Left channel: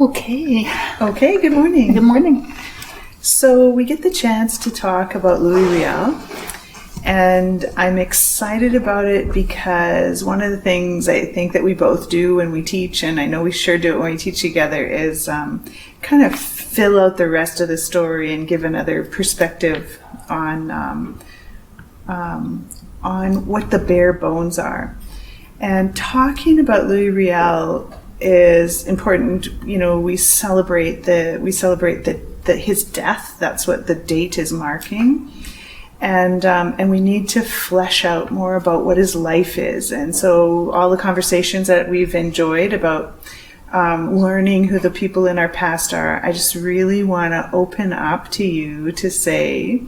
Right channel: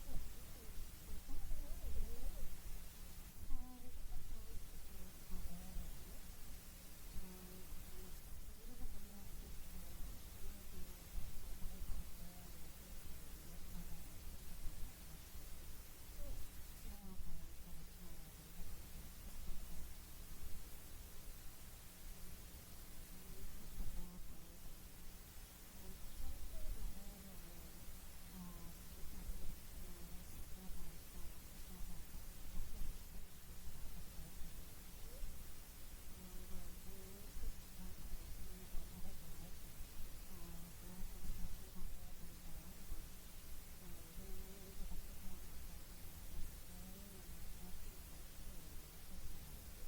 Okay, good morning. Good morning. So we get the chance to talk about Louis Riel, and I'm excited about it because one of the things I think that we both do when we teach, and I know we sure do it when we teach together, is kind of fill out the rest of the story and give another perspective on what the bare bones are. And talking about Louis Riel is important. You know, we celebrate his death. That's what the date is marking, and we need to flesh out more about what his life is. And so all the conversations that we've enjoyed about learning who the people in our past are, I just really want to open up to you to say,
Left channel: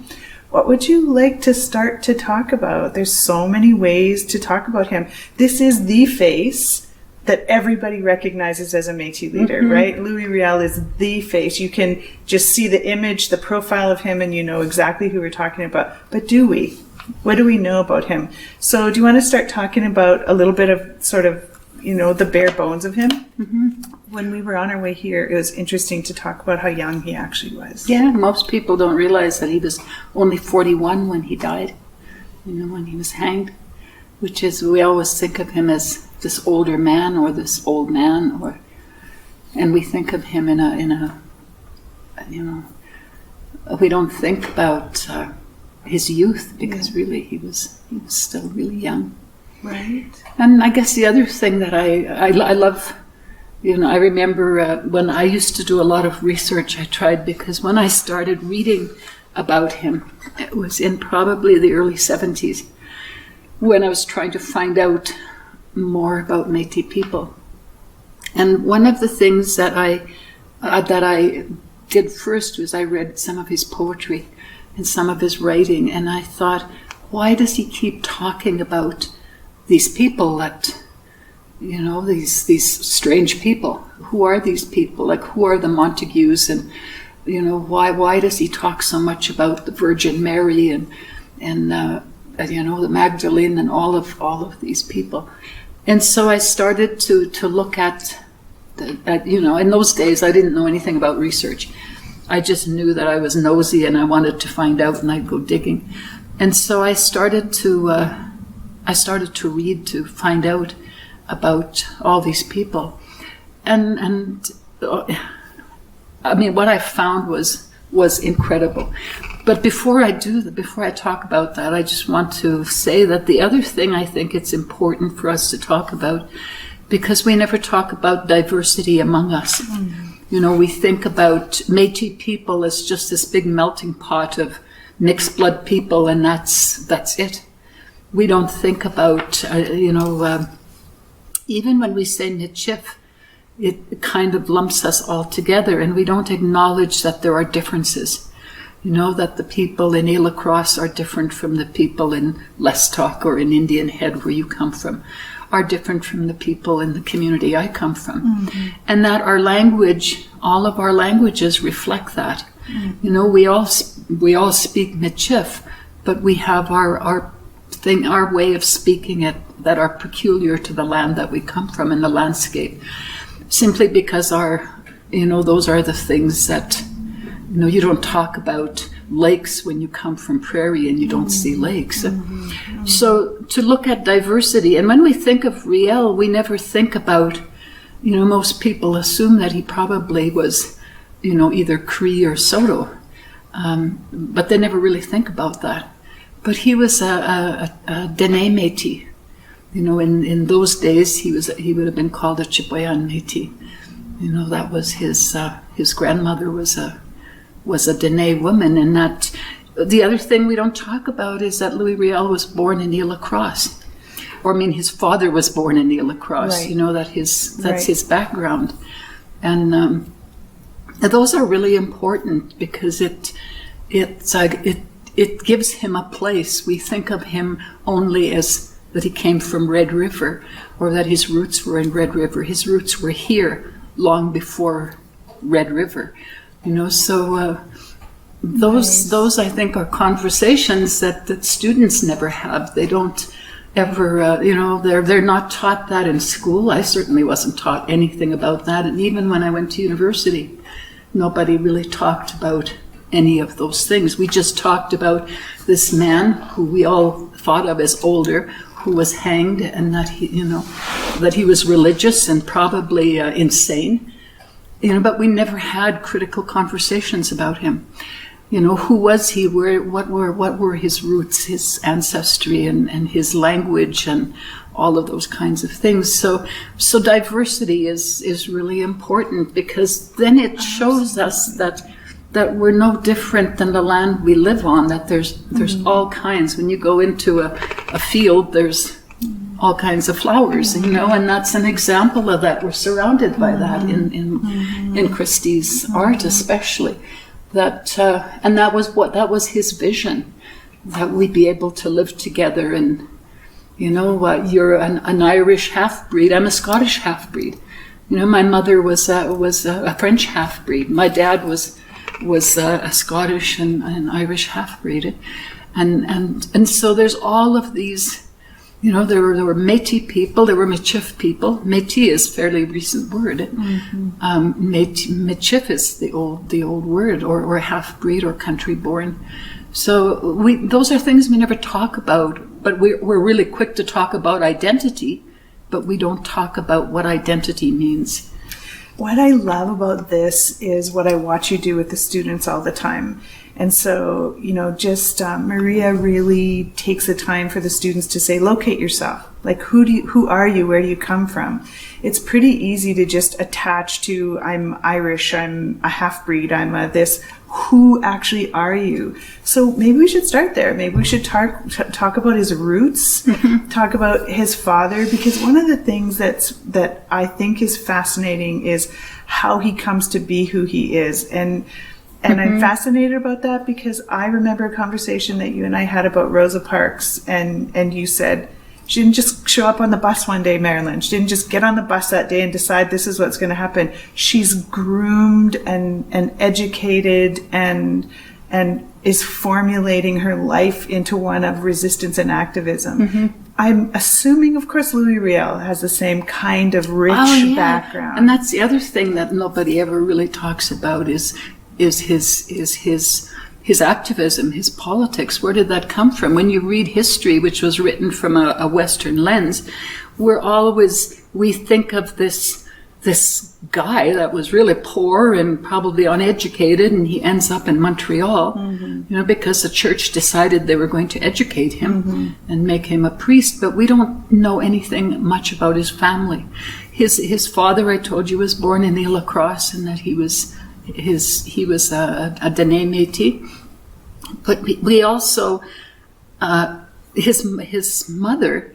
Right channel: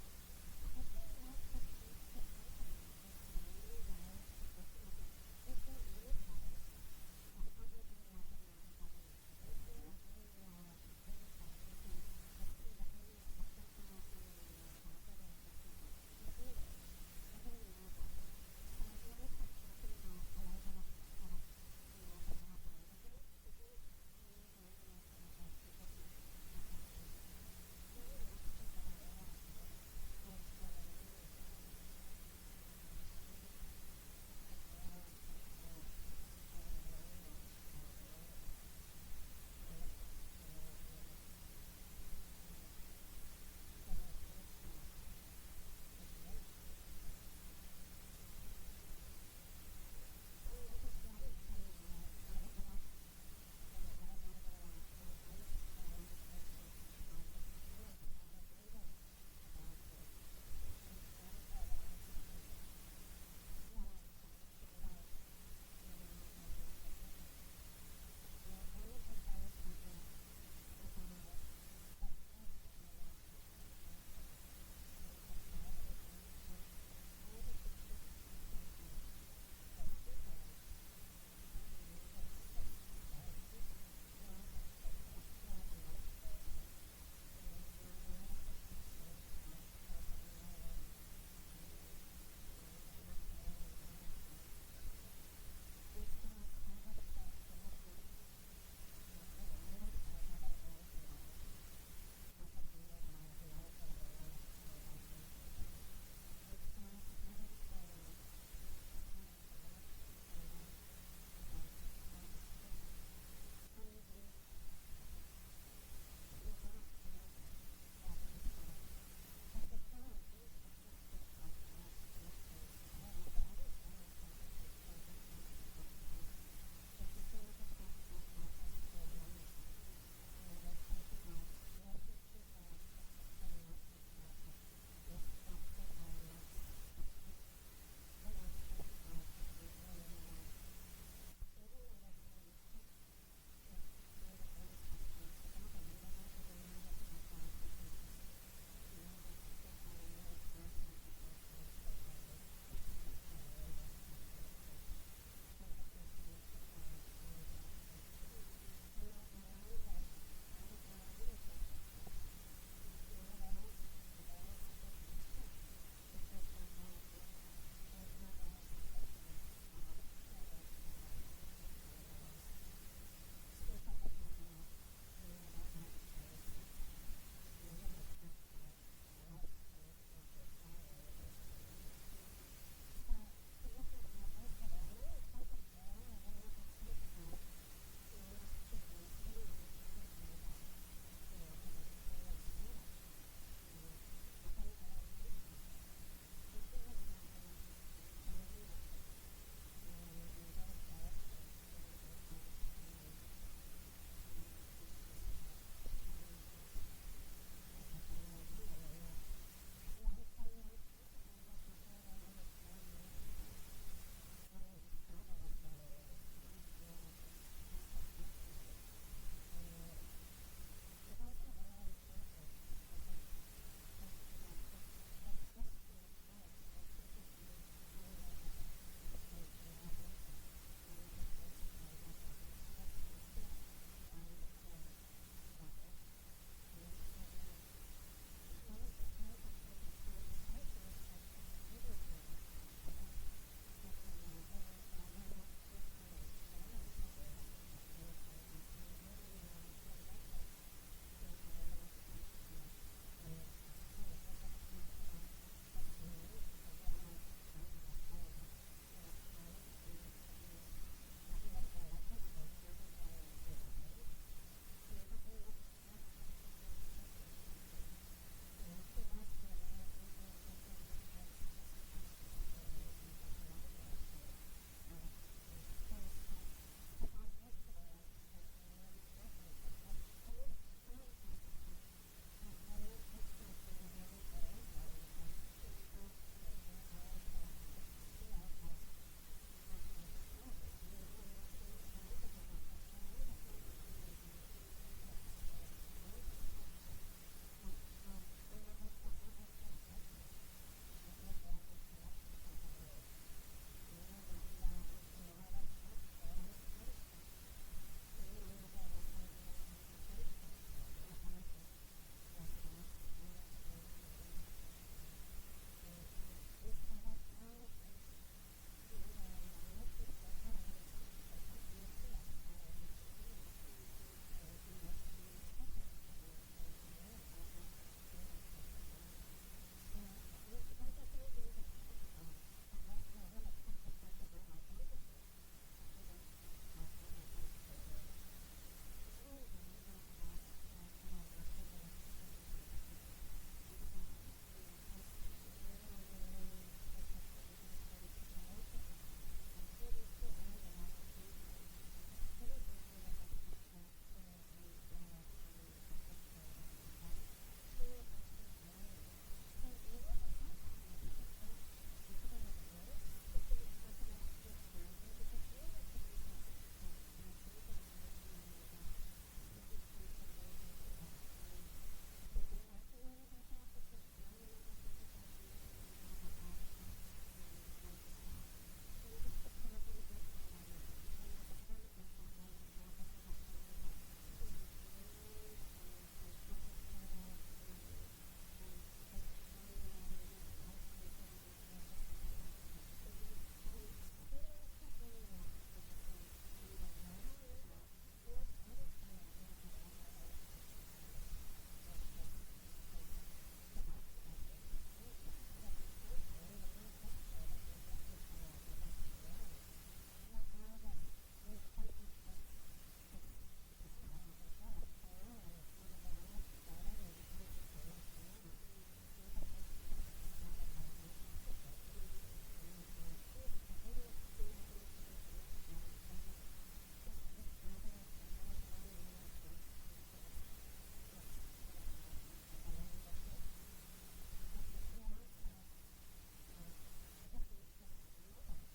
what would you like to start to talk about? There's so many ways to talk about him. This is the face that everybody recognizes as a Métis leader, right? Louis Riel is the face. You can just see the image, the profile of him, and you know exactly who we're talking about. But do we? What do we know about him? So do you want to start talking about a little bit of sort of, you know, the bare bones of him? When we were on our way here, it was interesting to talk about how young he actually was. Yeah, most people don't realize that he was only 41 when he died, you know, when he was hanged, which is, we always think of him as this older man or this old man, and we think of him in a you know, we don't think about his youth, because really he was still really young. Right. And I guess the other thing that I love, you know, I remember when I used to do a lot of research, I tried, because when I started reading about him, it was in probably the early 70s, when I was trying to find out more about Métis people. And one of the things that I did first was I read some of his poetry and some of his writing, and I thought, why does he keep talking about these people that, you know, these strange people? Who are these people? Like, who are the Montagues? And, you know, why does he talk so much about the Virgin Mary and you know, the Magdalene and all of these people? And so I started to look at, you know, in those days I didn't know anything about research. I just knew that I was nosy and I wanted to find out, and I'd go digging. And so I started to read to find out about all these people. And I mean, what I found was incredible. But before I talk about that, I just want to say that the other thing I think it's important for us to talk about, because we never talk about diversity among us. You know, we think about Métis people as just this big melting pot of mixed blood people, and that's it. We don't think about, you know, even when we say Michif, it kind of lumps us all together, and we don't acknowledge that there are differences. You know, that the people in Île Cross are different from the people in Lestock or in Indian Head, where you come from, are different from the people in the community I come from. And that our language, all of our languages reflect that. You know, we all speak Michif, but we have our way of speaking it that are peculiar to the land that we come from and the landscape, simply because you know, those are the things that, you know, you don't talk about lakes when you come from prairie and you don't see lakes. So to look at diversity, and when we think of Riel, we never think about, you know, most people assume that he probably was, you know, either Cree or Soto, but they never really think about that. But he was a Dene Métis. You know, in those days, he would have been called a Chipewyan Métis. You know, that was his grandmother was a Dene woman. And that, the other thing we don't talk about is that Louis Riel was born in Île Cross. Or, I mean, his father was born in Île Cross. Right. You know, that's his background. And those are really important, because it gives him a place. We think of him only as that he came from Red River, or that his roots were in Red River. His roots were here long before Red River, you know. So those I think are conversations that students never have. They don't ever, they're not taught that in school. I certainly wasn't taught anything about that. And even when I went to university, nobody really talked about any of those things. We just talked about this man who we all thought of as older, who was hanged, and that he was religious and probably insane. But we never had critical conversations about him. Who was he? What were his roots, his ancestry, and his language, and all of those kinds of things. So diversity is really important, because then it shows us that we're no different than the land we live on. That there's all kinds. When you go into a field, there's all kinds of flowers, and that's an example of that. We're surrounded by that in Christie's art, especially. And that was his vision, that we'd be able to live together. And you're an Irish half-breed. I'm a Scottish half-breed. My mother was a French half-breed. My dad was a Scottish and Irish half-breed, and so there's all of these. There were Métis people, there were Michif people. Métis is a fairly recent word. Michif is the old word, or half-breed, or country-born. So those are things we never talk about, but we're really quick to talk about identity, but we don't talk about what identity means. What I love about this is what I watch you do with the students all the time. And so, Maria really takes the time for the students to say, locate yourself. Like, who are you? Where do you come from? It's pretty easy to just attach to, I'm Irish, I'm a half-breed, I'm a this. Who actually are you? So maybe we should start there. Maybe we should talk about his roots, talk about his father, because one of the things that I think is fascinating is how he comes to be who he is. And I'm fascinated about that because I remember a conversation that you and I had about Rosa Parks, and you said, she didn't just show up on the bus one day, Marilyn. She didn't just get on the bus that day and decide this is what's going to happen. She's groomed and educated and is formulating her life into one of resistance and activism. I'm assuming, of course, Louis Riel has the same kind of rich background. And that's the other thing that nobody ever really talks about is his activism, his politics. Where did that come from? When you read history, which was written from a Western lens, we think of this guy that was really poor and probably uneducated, and he ends up in Montreal, because the church decided they were going to educate him and make him a priest. But we don't know anything much about his family. His father, I told you, was born in Ile Cross, and that he was a Dene Métis. But we also, his mother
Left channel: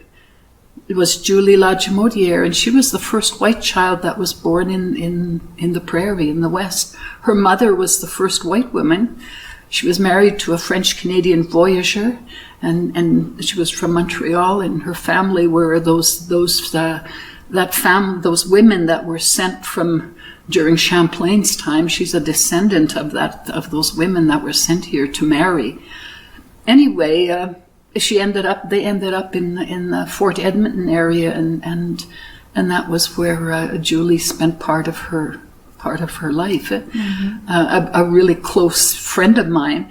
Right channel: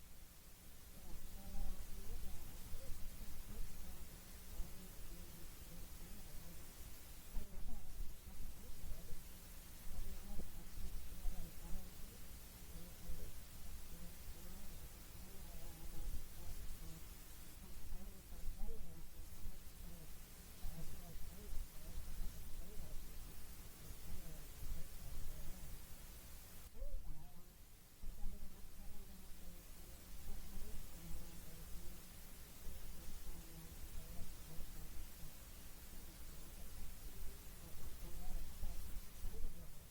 was Julie Lodge-Modier, and she was the first white child that was born in the prairie in the West. Her mother was the first white woman. She was married to a French-Canadian voyageur, and she was from Montreal, and her family were those women that were sent from during Champlain's time. She's a descendant of those women that were sent here to marry. Anyway, they ended up in the Fort Edmonton area, and that was where Julie spent part of her life. A really close friend of mine,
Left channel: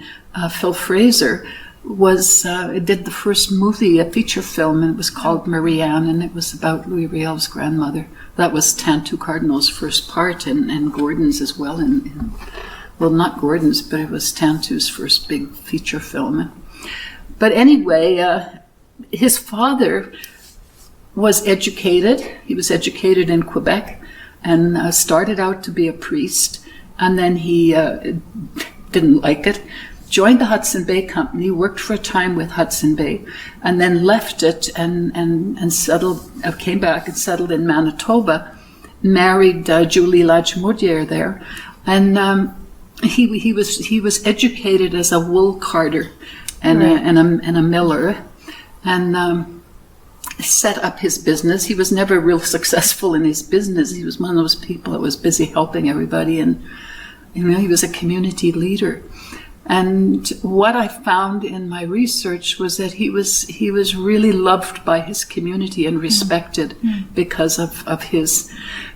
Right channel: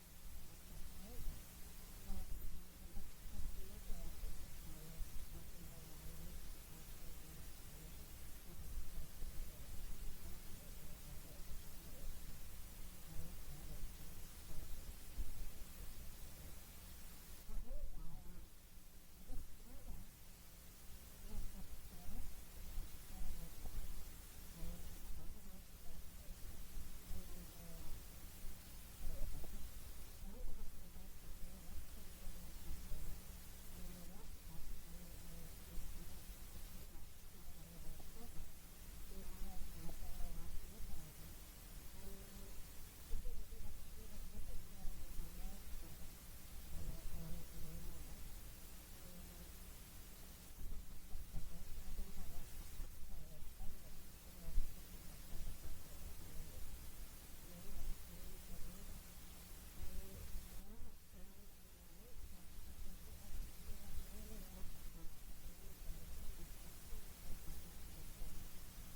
Phil Fraser, did the first movie, a feature film, and it was called Marianne, and it was about Louis Riel's grandmother. That was Tantoo Cardinal's first part, and Gordon's as well. Well, not Gordon's, but it was Tantoo's first big feature film. But anyway, his father was educated. He was educated in Quebec and started out to be a priest. And then he didn't like it, joined the Hudson Bay Company, worked for a time with Hudson Bay, and then left it and settled, came back and settled in Manitoba, married Julie Lodge-Modier there. And he was educated as a wool carder and a miller, and set up his business. He was never real successful in his business. He was one of those people that was busy helping everybody, and he was a community leader. And what I found in my research was that he was really loved by his community and respected because of his,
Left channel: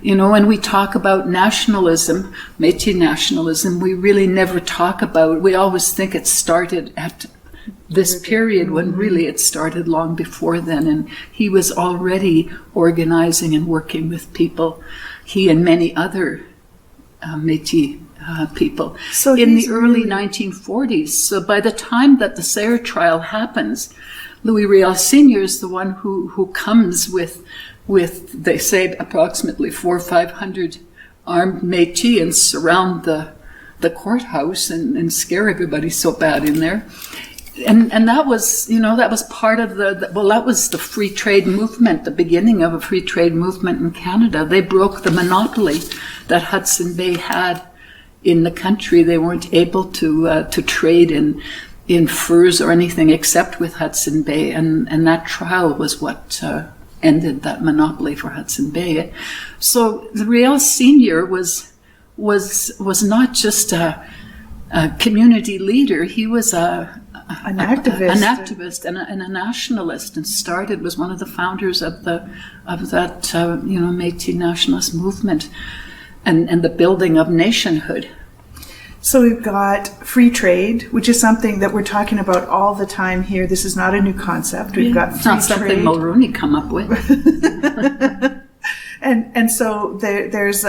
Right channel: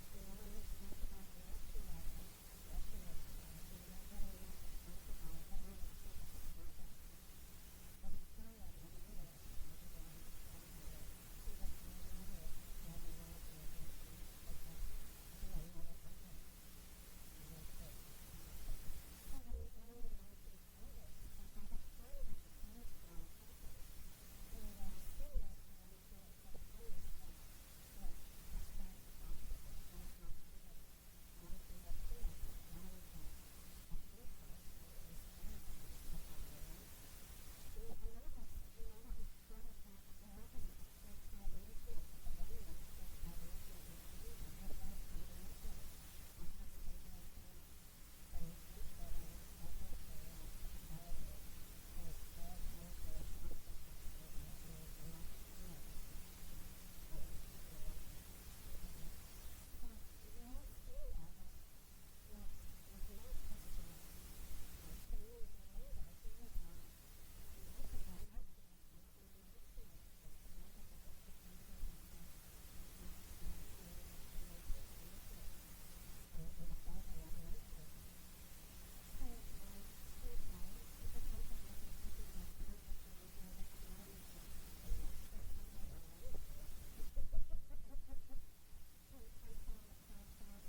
when we talk about nationalism, Métis nationalism, we really never talk about, we always think it started at this period when really it started long before then. And he was already organizing and working with people, he and many other Métis people, so in the early 1940s. So by the time that the Sayre trial happens, Louis Riel Sr. is the one who comes with they say approximately 400 or 500 armed Métis and surround the courthouse and scare everybody so bad in there. And that was, that was part of that was the free trade movement, the beginning of a free trade movement in Canada. They broke the monopoly that Hudson Bay had in the country. They weren't able to trade in furs or anything except with Hudson Bay, and that trial was what ended that monopoly for Hudson Bay. So the Riel Sr. was not just a community leader. He was an activist and a nationalist, and was one of the founders of that Métis nationalist movement. And the building of nationhood. So we've got free trade, which is something that we're talking about all the time here. This is not a new concept. We've got free it's not something trade. Mulroney come up with. and so there's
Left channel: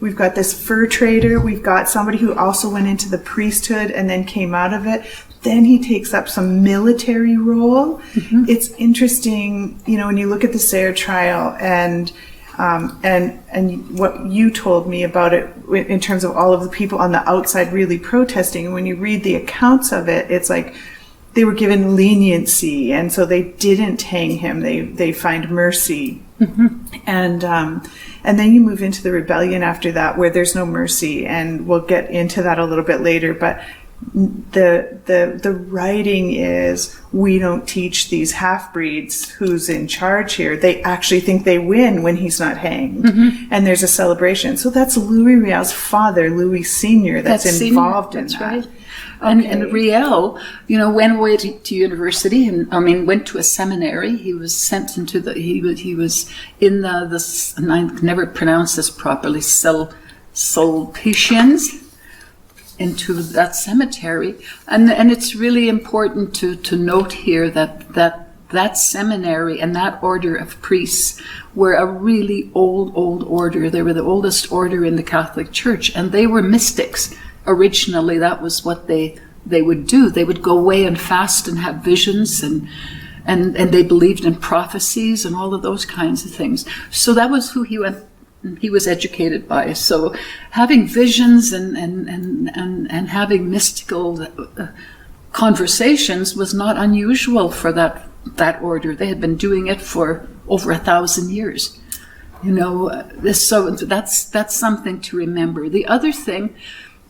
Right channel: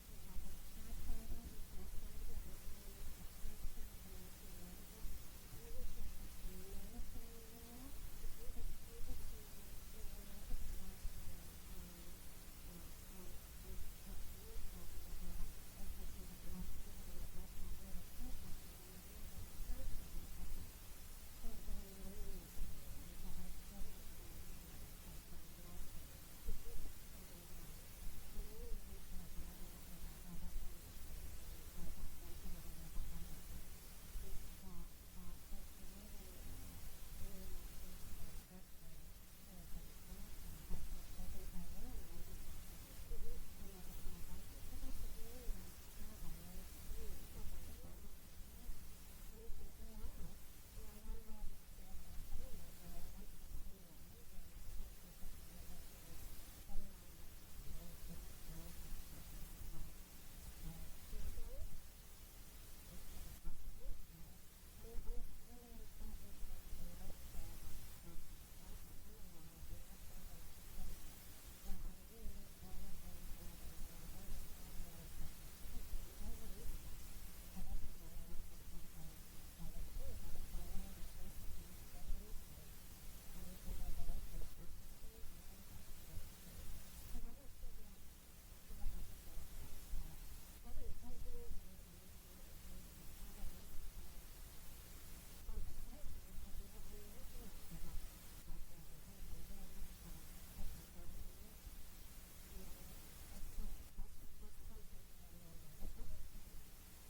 we've got this fur trader. We've got somebody who also went into the priesthood and then came out of it. Then he takes up some military role. Mm-hmm. It's interesting, when you look at the Sayre trial and what you told me about it in terms of all of the people on the outside really protesting. And when you read the accounts of it, it's like they were given leniency, and so they didn't hang him. They find mercy. Mm-hmm. And then you move into the rebellion after that, where there's no mercy, and we'll get into that a little bit later. But the writing is, we don't teach these half-breeds who's in charge here. They actually think they win when he's not hanged. Mm-hmm. And there's a celebration. So that's Louis Riel's father, Louis Sr., that's involved in that. Right. Okay. And Riel, went away to university and went to a seminary. He was sent into he was in the and I can never pronounce this properly, Sulpicians, into that cemetery. And it's really important to note here that seminary and that order of priests were a really old order. They were the oldest order in the Catholic Church, and they were mystics. Originally, that was what they would do. They would go away and fast and have visions, and they believed in prophecies and all of those kinds of things. So that was who he was educated by. So having visions and having mystical conversations was not unusual for that order. They had been doing it for over 1,000 years. So that's something to remember. The other thing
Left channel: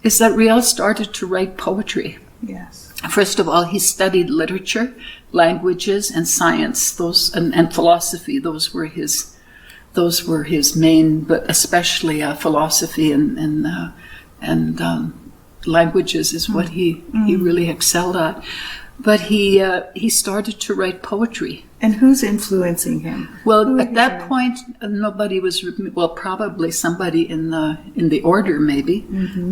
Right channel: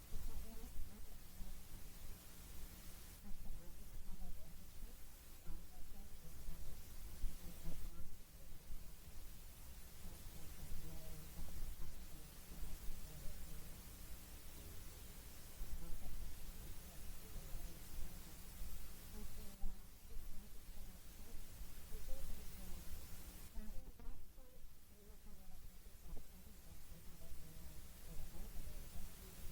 is that Riel started to write poetry. Yes. First of all, he studied literature, languages, and science, and philosophy. Those were his main, but especially philosophy and languages is what he really excelled at. But he started to write poetry. And who's influencing him? Well, at that point, nobody was. Well, probably somebody in the order maybe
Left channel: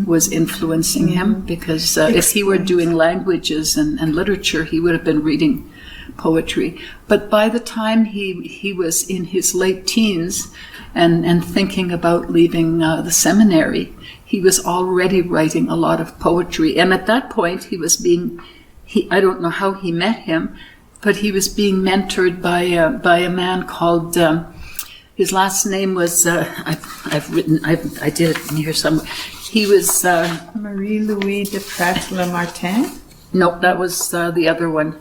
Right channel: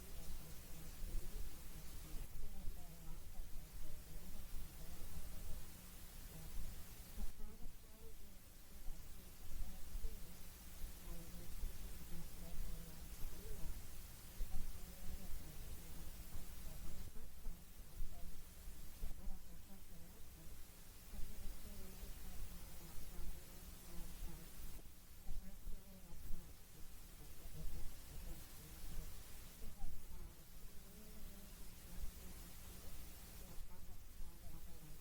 was influencing him, because if he were doing languages and literature, he would have been reading poetry. But by the time he was in his late teens and thinking about leaving the seminary, he was already writing a lot of poetry. And at that point, I don't know how he met him, but he was being mentored by a man called, his last name was, I did it in here somewhere. He was... Marie-Louis de Prat-Lamartine? No, that was the other one.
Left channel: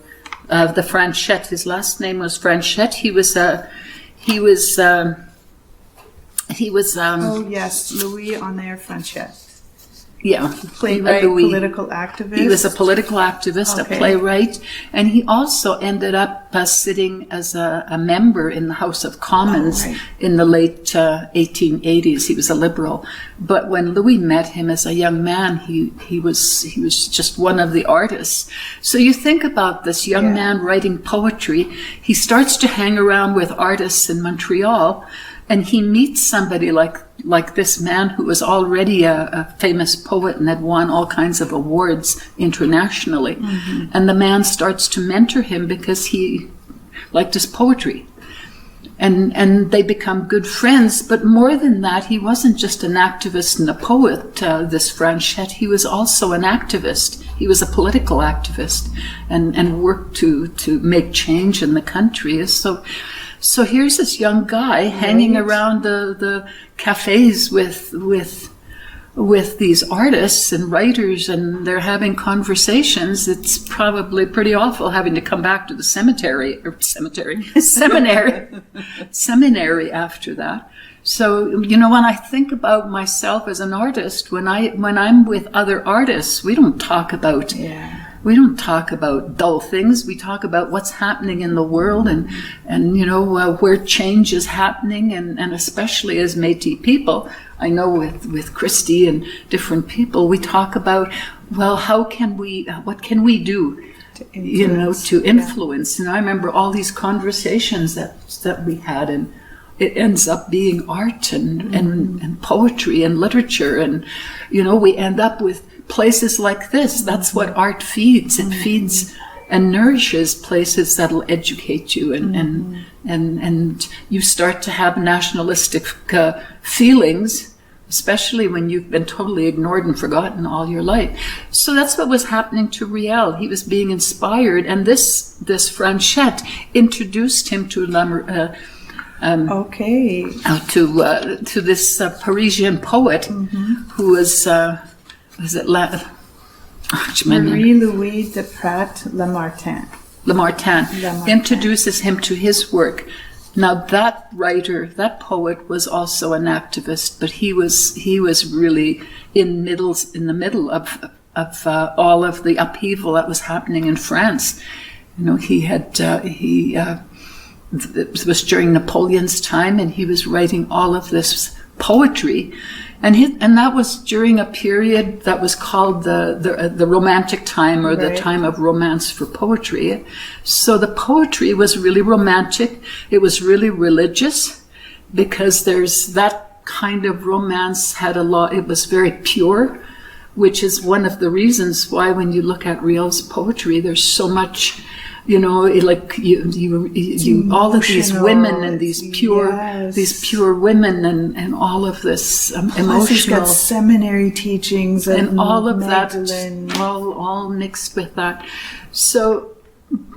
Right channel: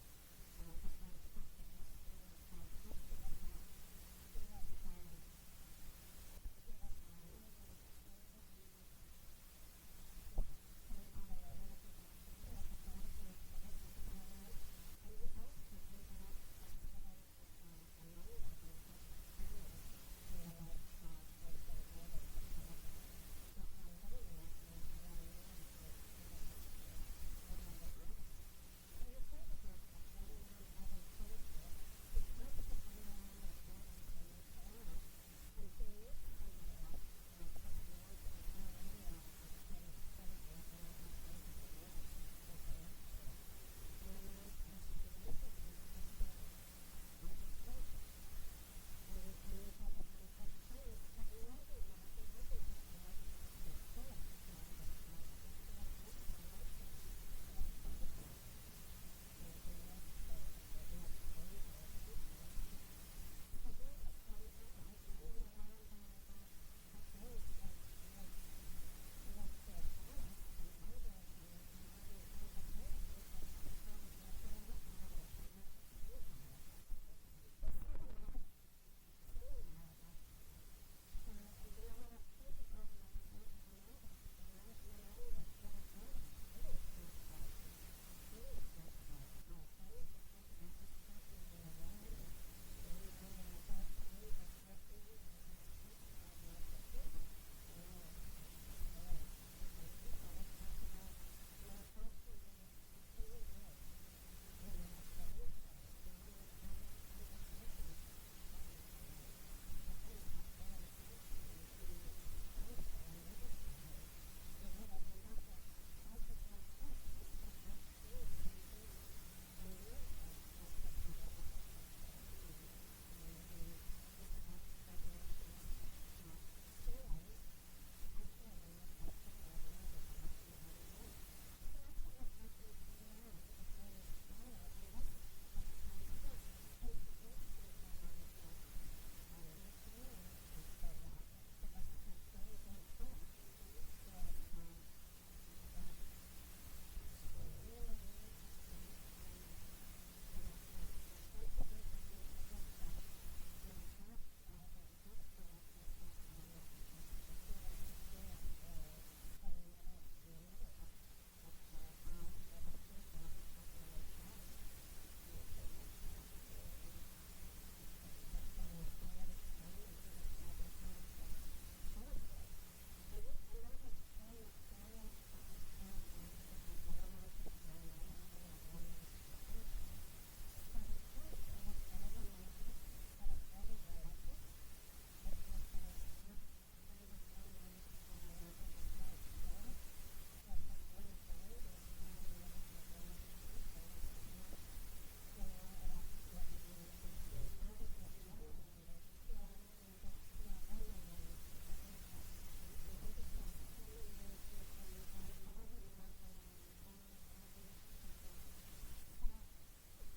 The Franchette. His last name was Franchette. He was oh yes, Louis Honoré Franchette. Yeah, Playwright, Louis. political activist. He was a political activist, Okay. a playwright, and he also ended up sitting as a member in the House of Commons in the late 1880s. He was a liberal, but when Louis met him as a young man, he was just one of the artists. So you think about this young man writing poetry. He starts to hang around with artists in Montreal, and he meets somebody like this man who was already a famous poet and had won all kinds of awards internationally. Mm-hmm. And the man starts to mentor him because he liked his poetry. And they become good friends. But more than that, he wasn't just an activist and a poet, this Franchette. He was also an activist. He was a political activist and worked to make change in the country. So here's this young guy hanging around the cafes with these artists and writers, and they're having conversations. It's probably pretty awful having to come back to the seminary after that. So, when I think about myself as an artist, when I'm with other artists, we don't talk about dull things. We talk about what's happening in the world and where change is happening, and especially as Métis people, I know with Christy and different people, we talk about, well, what can we do, to influence. And I remember all these conversations that we had, and it ends up being art and poetry and literature, and we end up with places like this. That's what art feeds. It feeds and nourishes places that'll educate you, and you start to have nationalistic feelings, especially when you've been totally ignored and forgotten all your life. So that's what was happening to Riel. He was being inspired, and this Franchette introduced him to to this Parisian poet who was Marie-Louise de Prat Lamartine introduces him to his work. Now that writer, that poet, was also an activist, but he was really in the middle of all of the upheaval that was happening in France. It was during Napoleon's time, and he was writing all of this poetry. And that was during a period that was called the Romantic time, or the time of romance for poetry. So the poetry was really romantic. It was really religious, because there's that kind of romance had a lot. It was very pure, which is one of the reasons why when you look at Riel's poetry, there's so much. All of these women and these pure women and all of this emotional. He's got seminary teachings and all of Magdalene. That, all mixed with that. So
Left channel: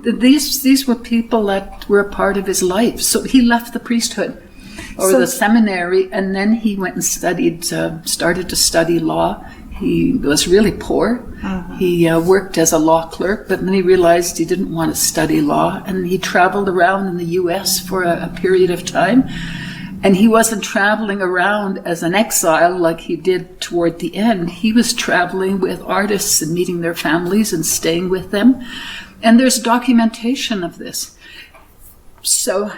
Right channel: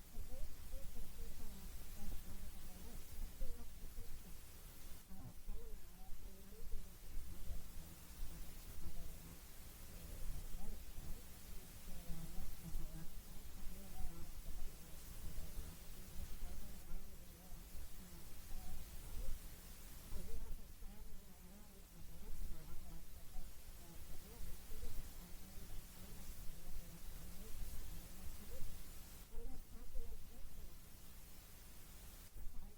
these were people that were a part of his life. So he left the priesthood or the seminary, and then he went and started to study law. He was really poor. He worked as a law clerk, but then he realized he didn't want to study law, and he traveled around in the U.S. for a period of time. And he wasn't traveling around as an exile like he did toward the end. He was traveling with artists and meeting their families and staying with them. And there's documentation of this. So,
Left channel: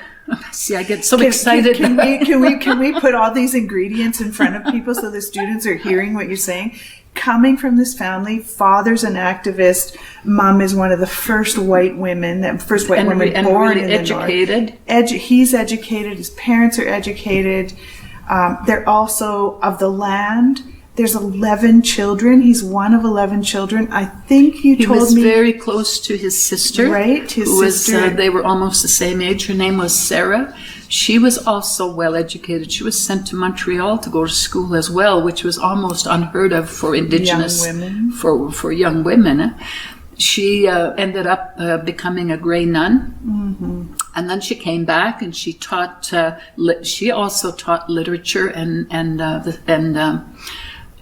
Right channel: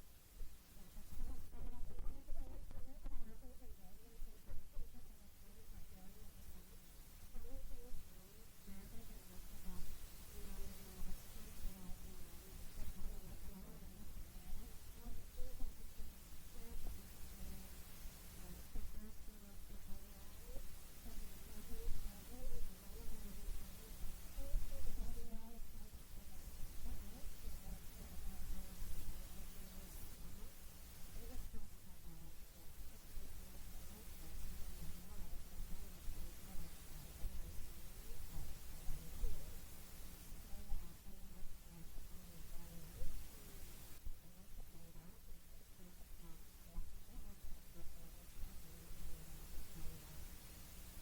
see, I get so excited. Can we put all these ingredients in front of people so the students are hearing what you're saying? Coming from this family, father's an activist, mom is one of the first white women born really in educated. the North. He's educated, his parents are educated. They're also of the land. There's 11 children. He's one of 11 children. I think you told me. He was very close to his sister. Right, his sister. They were almost the same age. Her name was Sarah. She was also well educated. She was sent to Montreal to go to school as well, which was almost unheard of for Indigenous young women. For young women. She ended up becoming a Grey nun, and then she came back and she taught. She also taught literature and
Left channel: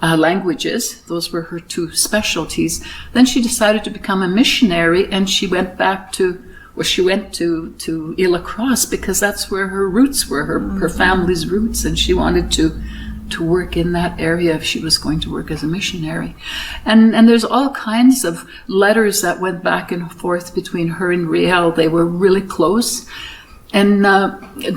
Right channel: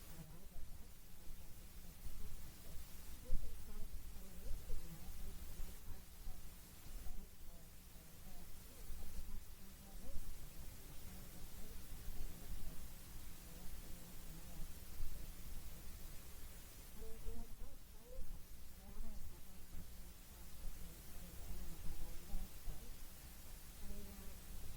languages. Those were her two specialties. Then she decided to become a missionary, and she went back to Ile-Crosse because that's where her roots were, her family's roots, and she wanted to work in that area if she was going to work as a missionary. And there's all kinds of letters that went back and forth between her and Riel. They were really close. And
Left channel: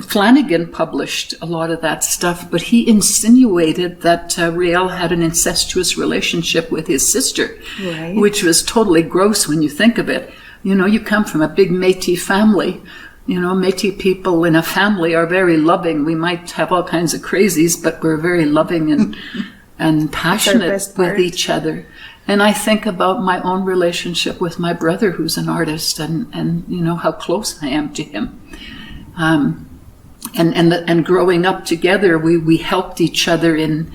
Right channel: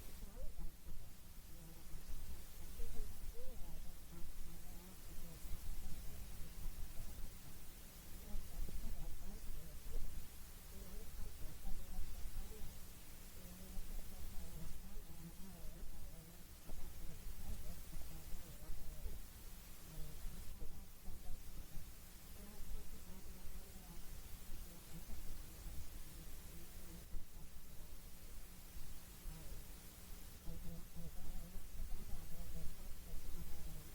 Flanagan published a lot of that stuff, but he insinuated that Riel had an incestuous relationship with his sister, right, which was totally gross when you think of it. You know, you come from a big Métis family. You know, Métis people in a family are very loving. We might have all kinds of crazies, but we're very loving and passionate with each other. And I think about my own relationship with my brother, who's an artist, and you know, how close I am to him. And growing up together, we helped each other in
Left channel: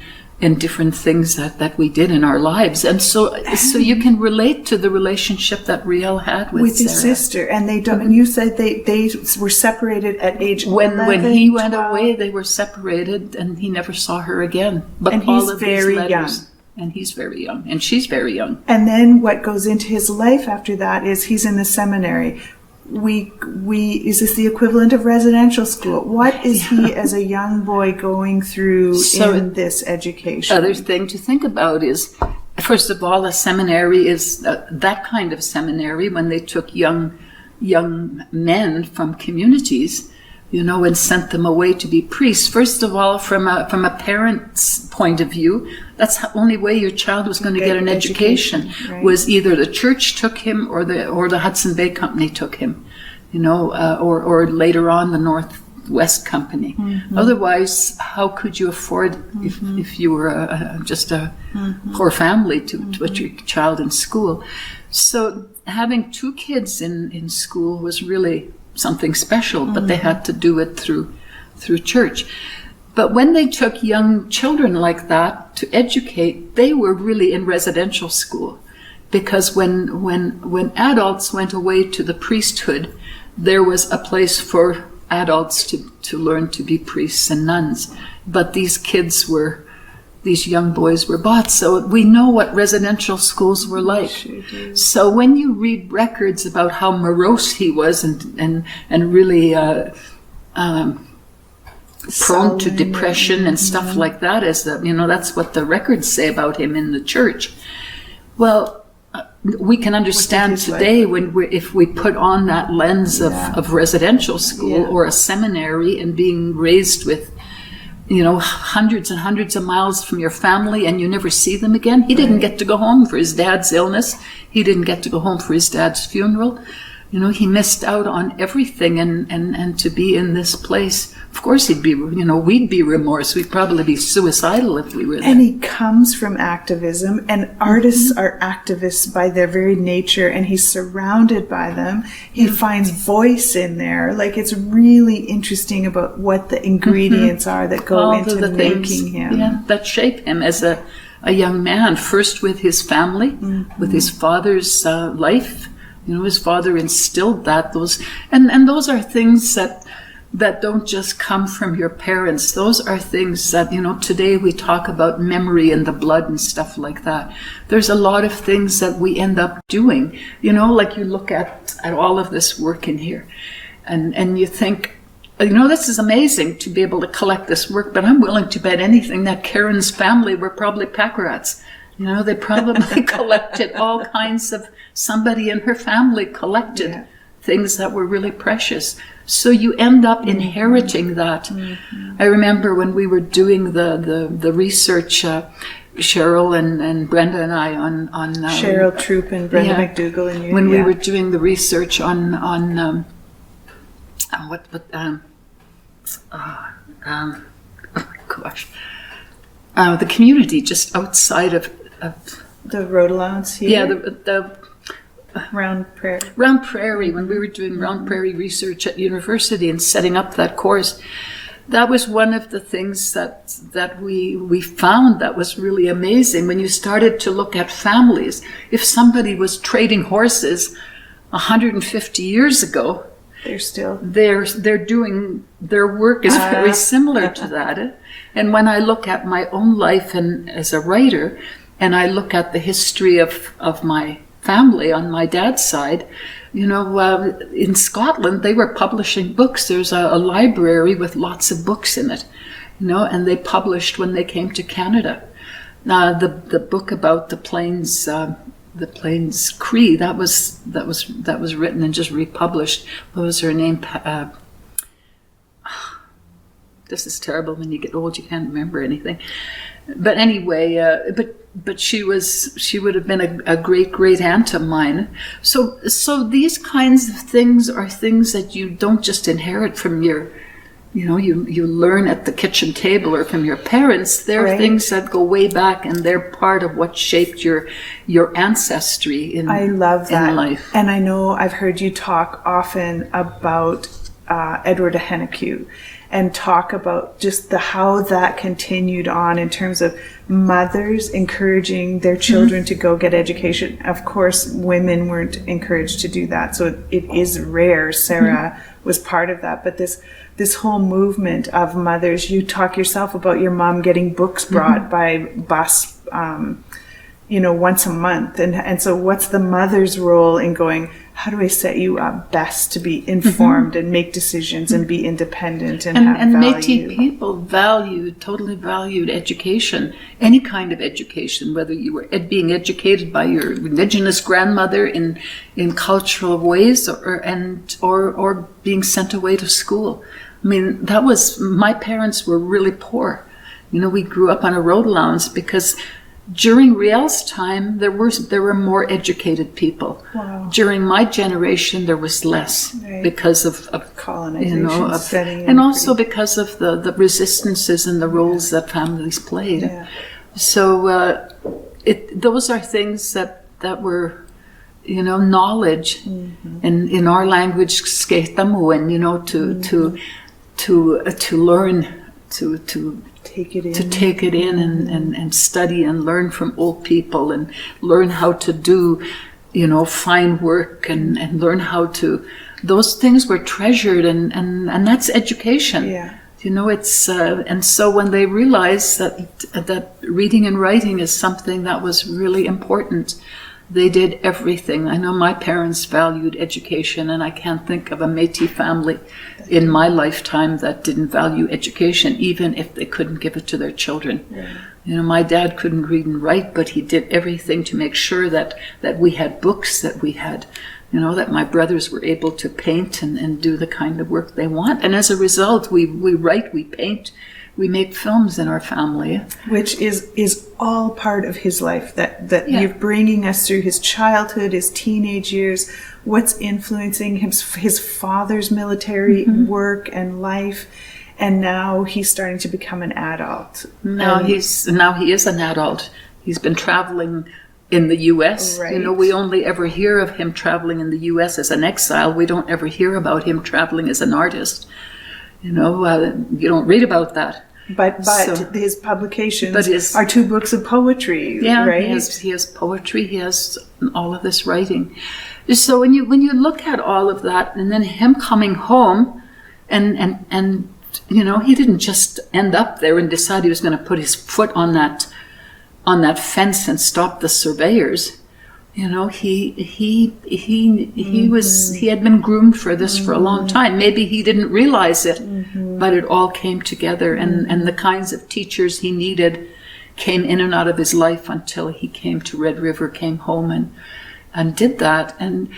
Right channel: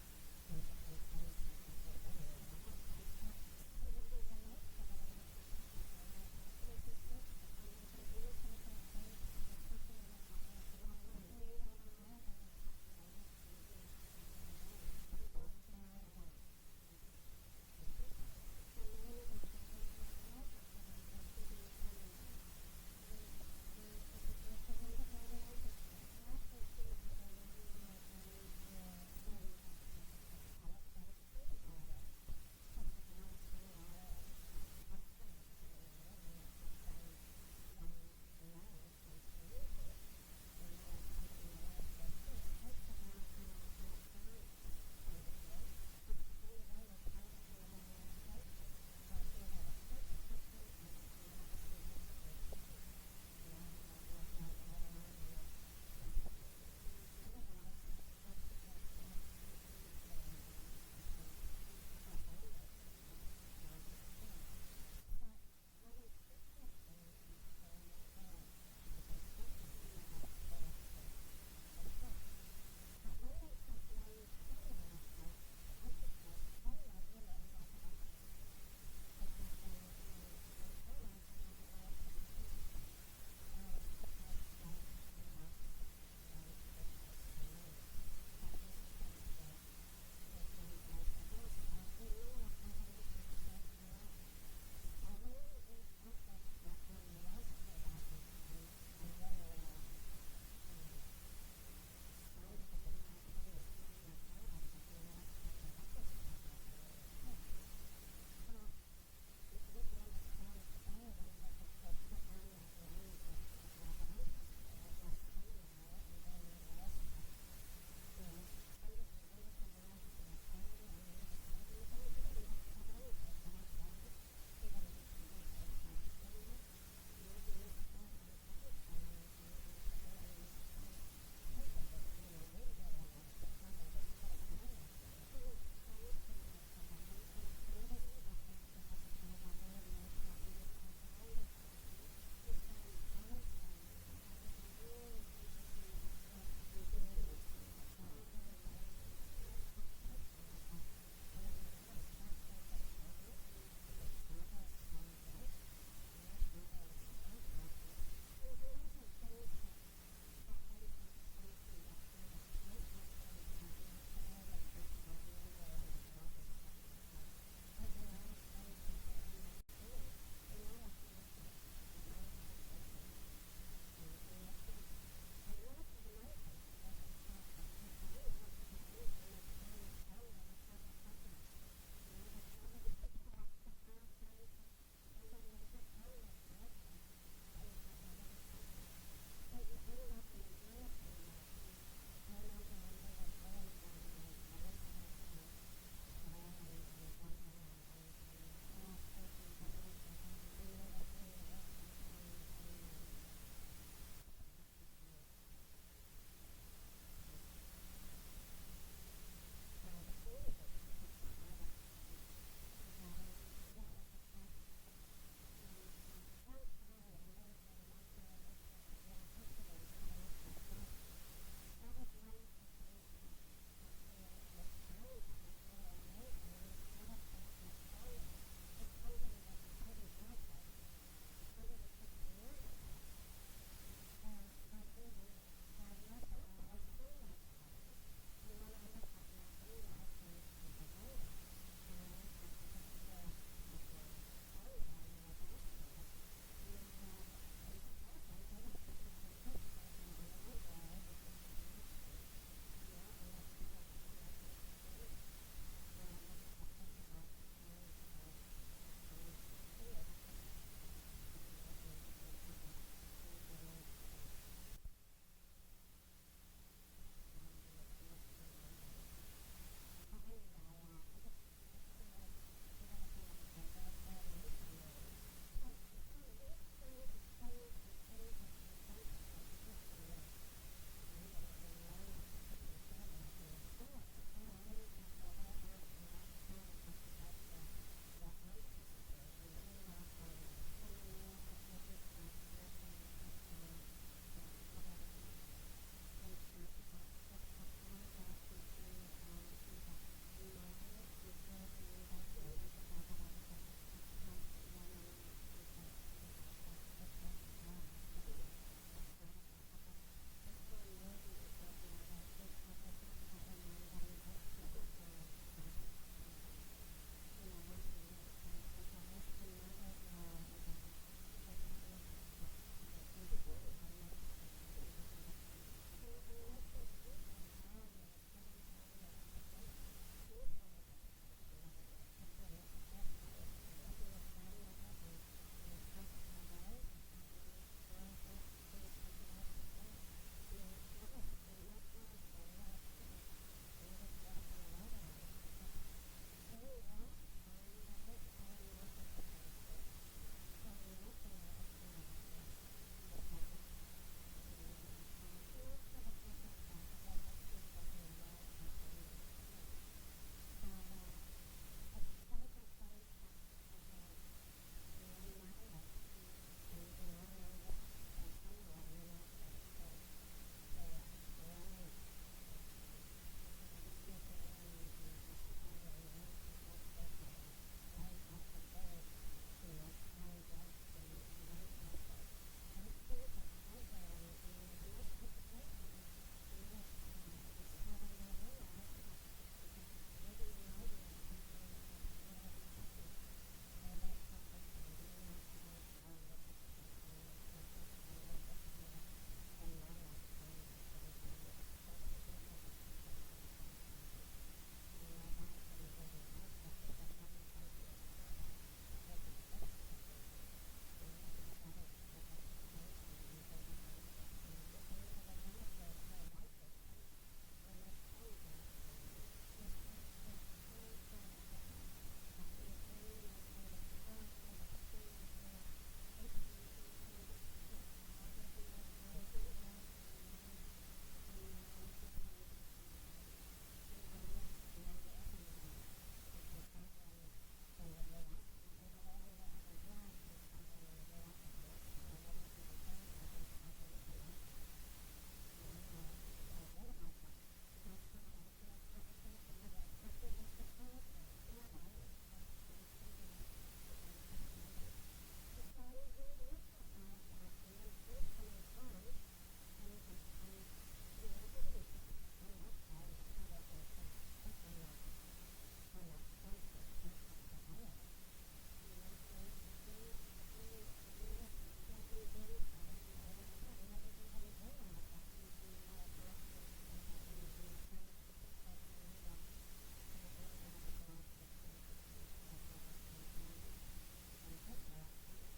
different things that we did in our lives, and so you can relate to the relationship that Riel had with his sister. And they don't. And you said they were separated at age 11, when he 12. went away, they were separated, and he never saw her again. But and all he's of very these letters, young. and he's very young, and she's very young. And then what goes into his life after that is he's in the seminary. Is this the equivalent of residential school? What is he as a young boy going through in this education? Other thing to think about is, first of all, a seminary is that kind of seminary when they took young men from communities, you know, and sent them away to be priests. First of all, from a parent's point of view, that's the only way your child was going to get an education, right, was either the church took him or the Hudson Bay Company took him, you know, or later on the Northwest Company. Mm-hmm. Otherwise, how could you afford, if you were just a poor family, to put your child in school? So having two kids in school was really something special, but they had to do it through church. But when they took young children like that to educate, they were really in residential school, because when adults went away to the priesthood, there was a place for adults to learn to be priests and nuns. But these young boys were bought, so we know what residential schools were like. Sure. So when you read records about how morose he was and really prone to depression and stuff like that, that's what the records say about him in the church. Well, we can understand today if we put on that lens of residential school or a seminary and being raised with, you know, hundreds and hundreds of miles from your family, and you never see them again. He didn't get to go home for his dad's illness. He didn't get to go home for his dad's funeral. You know, he missed out on everything, and to be in this place, of course we'd be remorse. We'd probably be suicidal if we were there. And he comes from activism, and artists are activists by their very nature, and he's surrounded by them. He finds voice in there. Like, it's really interesting about what the ingredients are that go into making him. Yeah, that shape him as a young man, first with his family, with his father's life. You know, his father instilled those are things that don't just come from your parents. Those are things that, you know, today we talk about memory and the blood and stuff like that. There's a lot of things that we end up doing, you know, like you look at all of this work in here and you think, you know, this is amazing to be able to collect this work, but I'm willing to bet anything that Karen's family were probably pack rats. You know, they probably collected all kinds of, somebody in her family collected things that were really precious. So you end up inheriting that. I remember when we were doing the research, Cheryl and Brenda and I on Cheryl Troop and Brenda McDougall and you. When we were doing the research on oh my gosh, the community just outside of the road allowance here. Yeah, the Round Prairie. Round Prairie, when we were doing Round Prairie research at university and setting up that course, that was one of the things that we found that was really amazing. When you started to look at families, if somebody was trading horses 150 years ago, they're doing, their work is very similar to that. And when I look at my own life and as a writer, and I look at the history of my family on my dad's side, you know, in Scotland, they were publishing books. There's a library with lots of books in it. and they published when they came to Canada. The book about the Plains Cree, that was written and just republished. What was her name? This is terrible. When you get old, you can't remember anything. But anyway, but she would have been a great aunt of mine. So these kinds of things are things that you don't just inherit from your, you learn at the kitchen table or from your parents. They're things that go way back, and they're part of what shaped your ancestry in I love that. In life. And I know I've heard you talk often about Edward Ahenecue, and talk about just how that continued on in terms of mothers encouraging their children to go get education. Of course, women weren't encouraged to do that, so it is rare. Sarah was part of that, but this whole movement of mothers, you talk yourself about your mom getting books brought by bus, once a month. And so what's the mother's role in going, how do I set you up best to be informed and make decisions and be independent and have value? Métis people totally valued education, any kind of education, whether you were being educated by your Indigenous grandmother in cultural ways or being sent away to school. I mean, my parents were really poor. We grew up on a road allowance because during Riel's time, there were more educated people. Wow. During my generation, there was less because of colonization, and also because of the resistances and the roles that families played. Yeah. So those are things that were, knowledge, and in our language, sketamuan, to learn to take it in and study and learn from old people and learn how to do, fine work and learn how to. Those things were treasured and that's education. Yeah. It's and so when they realized that reading and writing is something that was really important, they did everything. I know my parents valued education, and I can't think of a Métis family in my lifetime that didn't value education, even if they couldn't give it to their children. Yeah. My dad couldn't read and write, but he did everything to make sure that we had books, that we had, that my brothers were able to paint and do the kind of work they want. And as a result, we write, we paint, we make films in our family. Which is all part of his life, that you're bringing us through his childhood, his teenage years, what's influencing his father's military work and life, and now he's starting to become an adult. Now he is an adult. He's been traveling in the U.S. Right. We only ever hear of him traveling in the U.S. as an exile. We don't ever hear about him traveling as an artist. You don't read about that. But his publications are 2 books of poetry, right? He has poetry. He has all of this writing. So when you look at all of that, and then him coming home, and he didn't just end up there and decide he was going to put his foot on that fence and stop the surveyors. He had been groomed for this for a long time. Maybe he didn't realize it, but it all came together, and the kinds of teachers he needed came in and out of his life until he came to Red River, came home and did that. And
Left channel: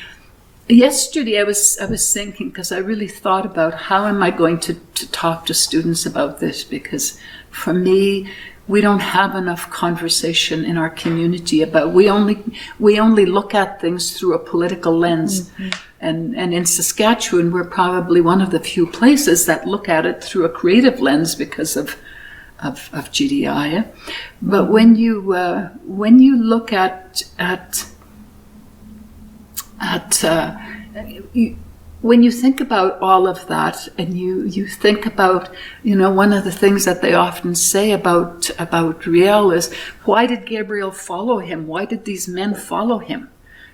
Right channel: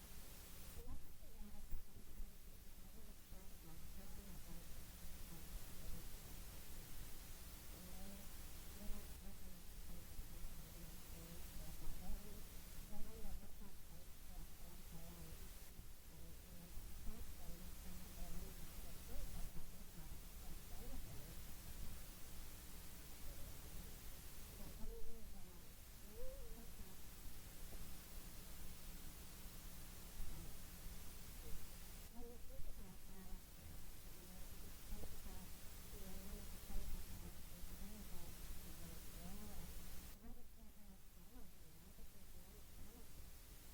yesterday I was thinking, because I really thought about how am I going to talk to students about this, because for me, we don't have enough conversation in our community about. We only look at things through a political lens, and in Saskatchewan, we're probably one of the few places that look at it through a creative lens because of GDI. But when you look at when you think about all of that, and you think about, one of the things that they often say about Riel is, why did Gabriel follow him? Why did these men follow him?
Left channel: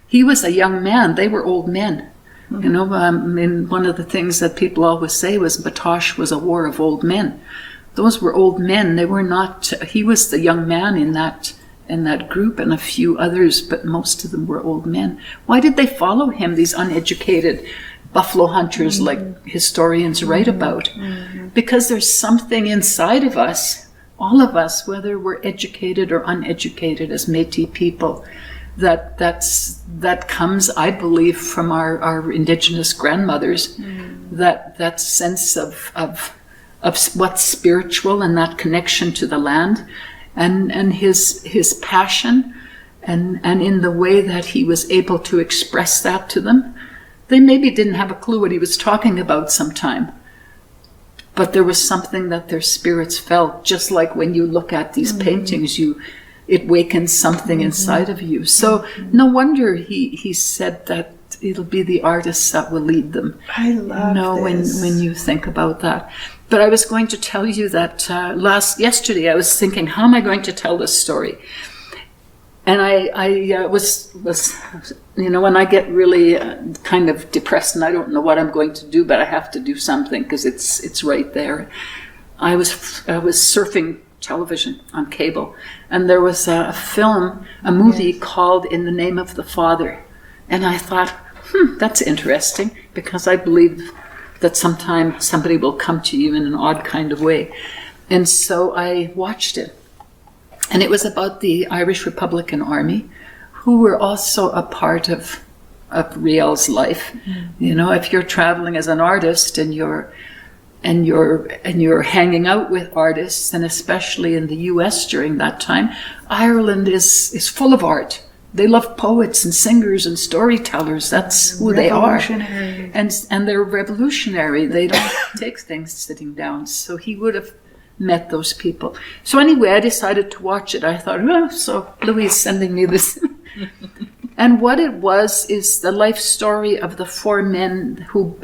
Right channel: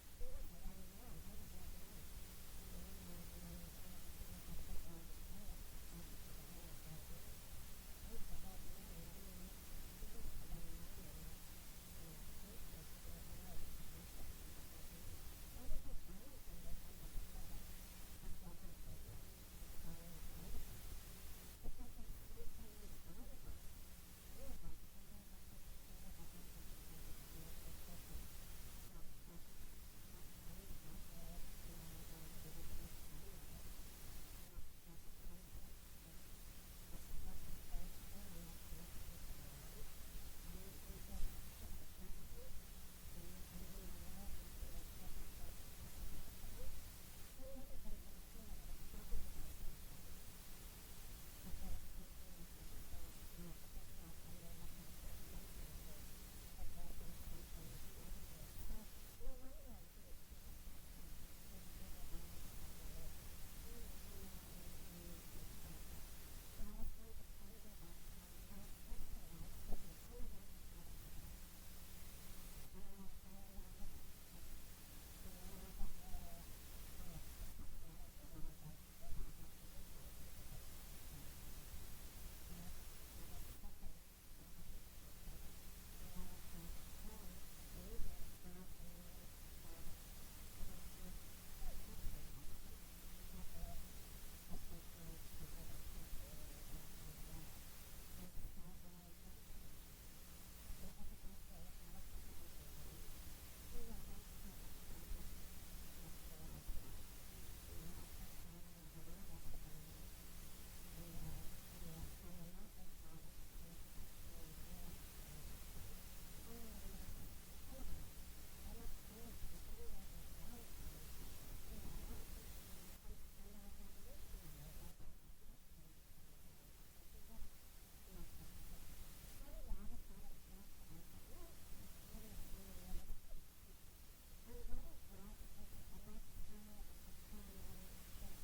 He was a young man. They were old men. One of the things that people always say was Batoche was a war of old men. Those were old men. They were not. He was the young man in that group, and a few others, but most of them were old men. Why did they follow him? These uneducated buffalo hunters like historians write about. Because there's something inside of us, all of us, whether we're educated or uneducated as Métis people, that comes, I believe, from our Indigenous grandmothers, that sense of what's spiritual and that connection to the land, and his passion, and in the way that he was able to express that to them. They maybe didn't have a clue what he was talking about sometime, but there was something that their spirits felt, just like when you look at these paintings, it wakens something inside of you. So no wonder he said that it'll be the artists that will lead them. I love this. When you think about that. But I was going to tell you that yesterday I was thinking, how am I going to tell this story? And I was when I get really kind of depressed and I don't know what I'm going to do, but I have to do something because it's right there. I was surfing television on cable, and there was a movie called In the Name of the Father, and I thought, that's interesting, because I believe that sometime somebody will come to you in an odd kind of way. And so I watched it. And it was about the Irish Republican Army, who were also a part of Riel's life. If you're traveling as an artist and you're hanging out with artists, and especially in the US during that time, Ireland is full of art. They love poets and singers and storytellers. That's who they are. And they're revolutionary. They don't take things sitting down. So he would have met those people. So anyway, I decided to watch it. I thought, so Louis is sending me this. And what it was is the life story of the 4 men who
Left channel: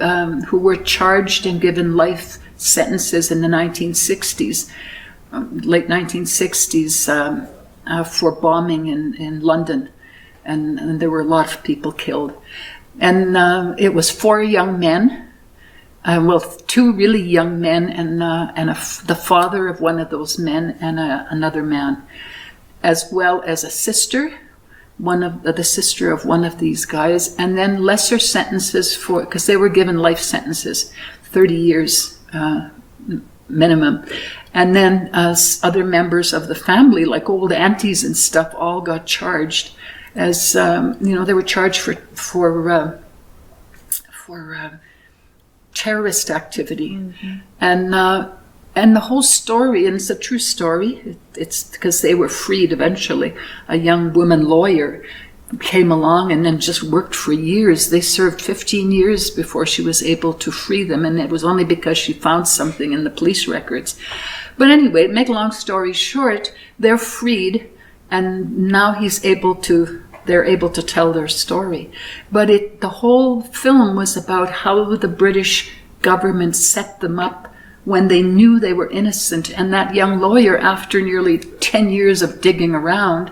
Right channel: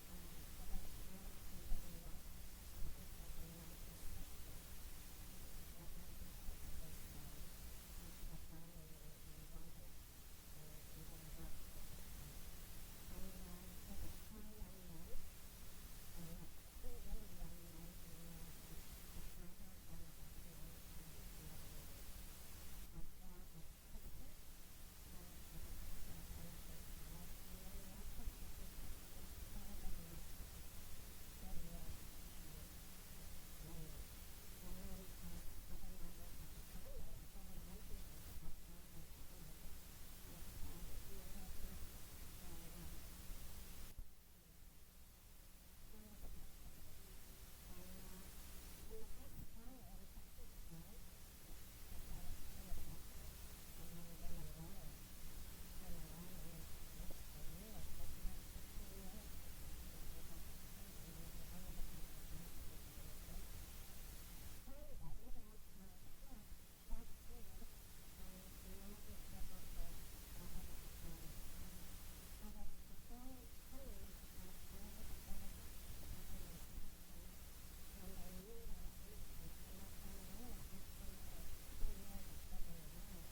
were charged and given life sentences in the 1960s, late 1960s, for bombing in London. And there were a lot of people killed. And it was 4 young men, 2 really young men, and the father of one of those men and another man, as well as a sister, the sister of one of these guys, and then lesser sentences because they were given life sentences, 30 years minimum. And then other members of the family, like old aunties and stuff, all got charged as, they were charged for terrorist activity. And the whole story, and it's a true story, it's because they were freed eventually. A young woman lawyer came along and then just worked for years. They served 15 years before she was able to free them, and it was only because she found something in the police records. But anyway, to make a long story short, they're freed, and now they're able to tell their story. But the whole film was about how the British government set them up when they knew they were innocent. And that young lawyer, after nearly 10 years of digging around,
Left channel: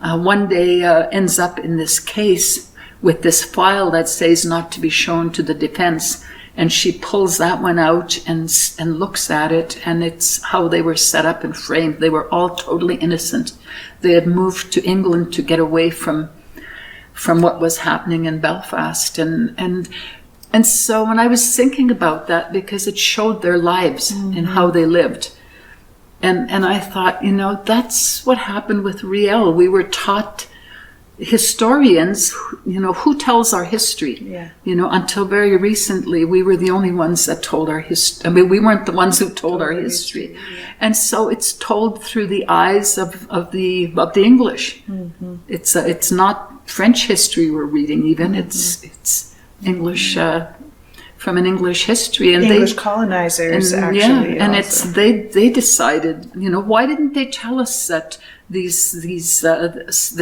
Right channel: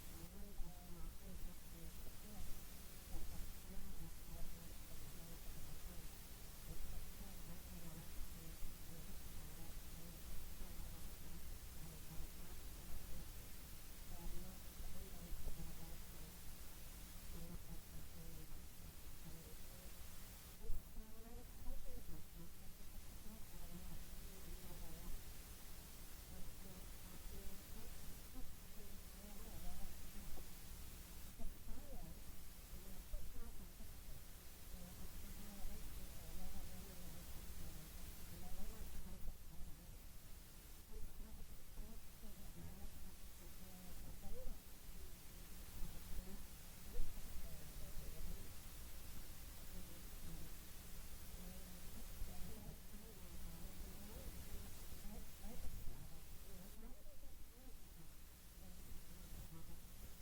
one day ends up in this case with this file that says not to be shown to the defense. And she pulls that one out and looks at it, and it's how they were set up and framed. They were all totally innocent. They had moved to England to get away from what was happening in Belfast. And so when I was thinking about that, because it showed their lives and how they lived, and I thought, that's what happened with Riel. We were taught, historians, who tells our history? Yeah. Until very recently, we were the only ones that told our history. I mean, we weren't the ones who told our history. Yeah. And so it's told through the eyes of the English. It's not French history we're reading even. It's English, from an English history, and English colonizers actually. Yeah, and also. They decided, why didn't they tell us that the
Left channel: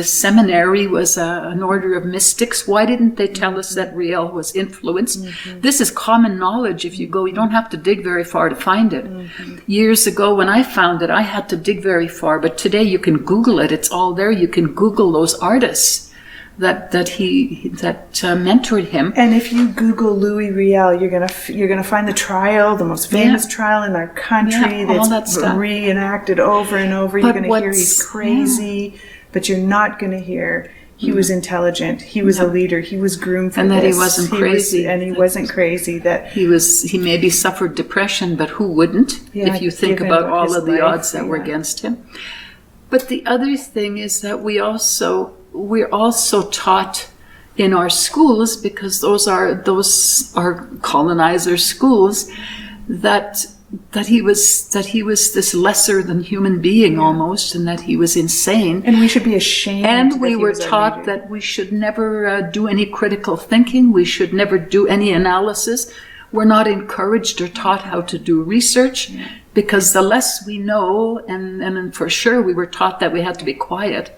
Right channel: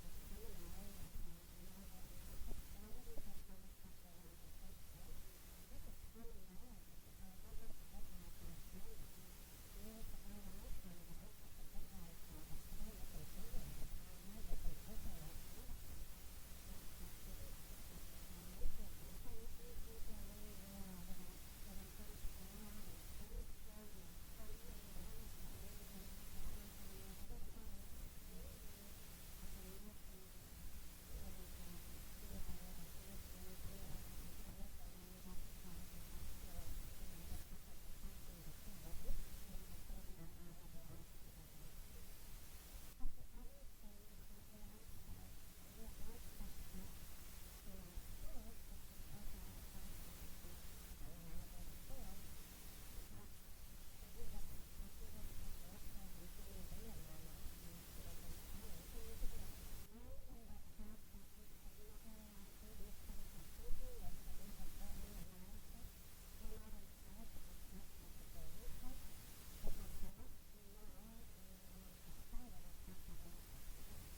seminary was an order of mystics? Why didn't they tell us that Riel was influenced? This is common knowledge. If you go, you don't have to dig very far to find it. Years ago, when I found it, I had to dig very far, but today you can Google it. It's all there. You can Google those artists that mentored him. And if you Google Louis Riel, you're gonna find the trial, the most famous trial in our country, that's reenacted over and over. You're gonna hear he's crazy, but you're not gonna hear he was intelligent, he was a leader, he was groomed for and that this. he wasn't crazy. He wasn't crazy. That he maybe suffered depression, but who wouldn't? If you think about all of the odds that were against him. But the other thing is that we're also taught in our schools, because those are colonizer schools, that he was this lesser than human being almost, and that he was insane. And we should be ashamed. And we were taught that we should never do any critical thinking. We should never do any analysis. We're not encouraged or taught how to do research, because the less we know, and for sure we were taught that we had to be quiet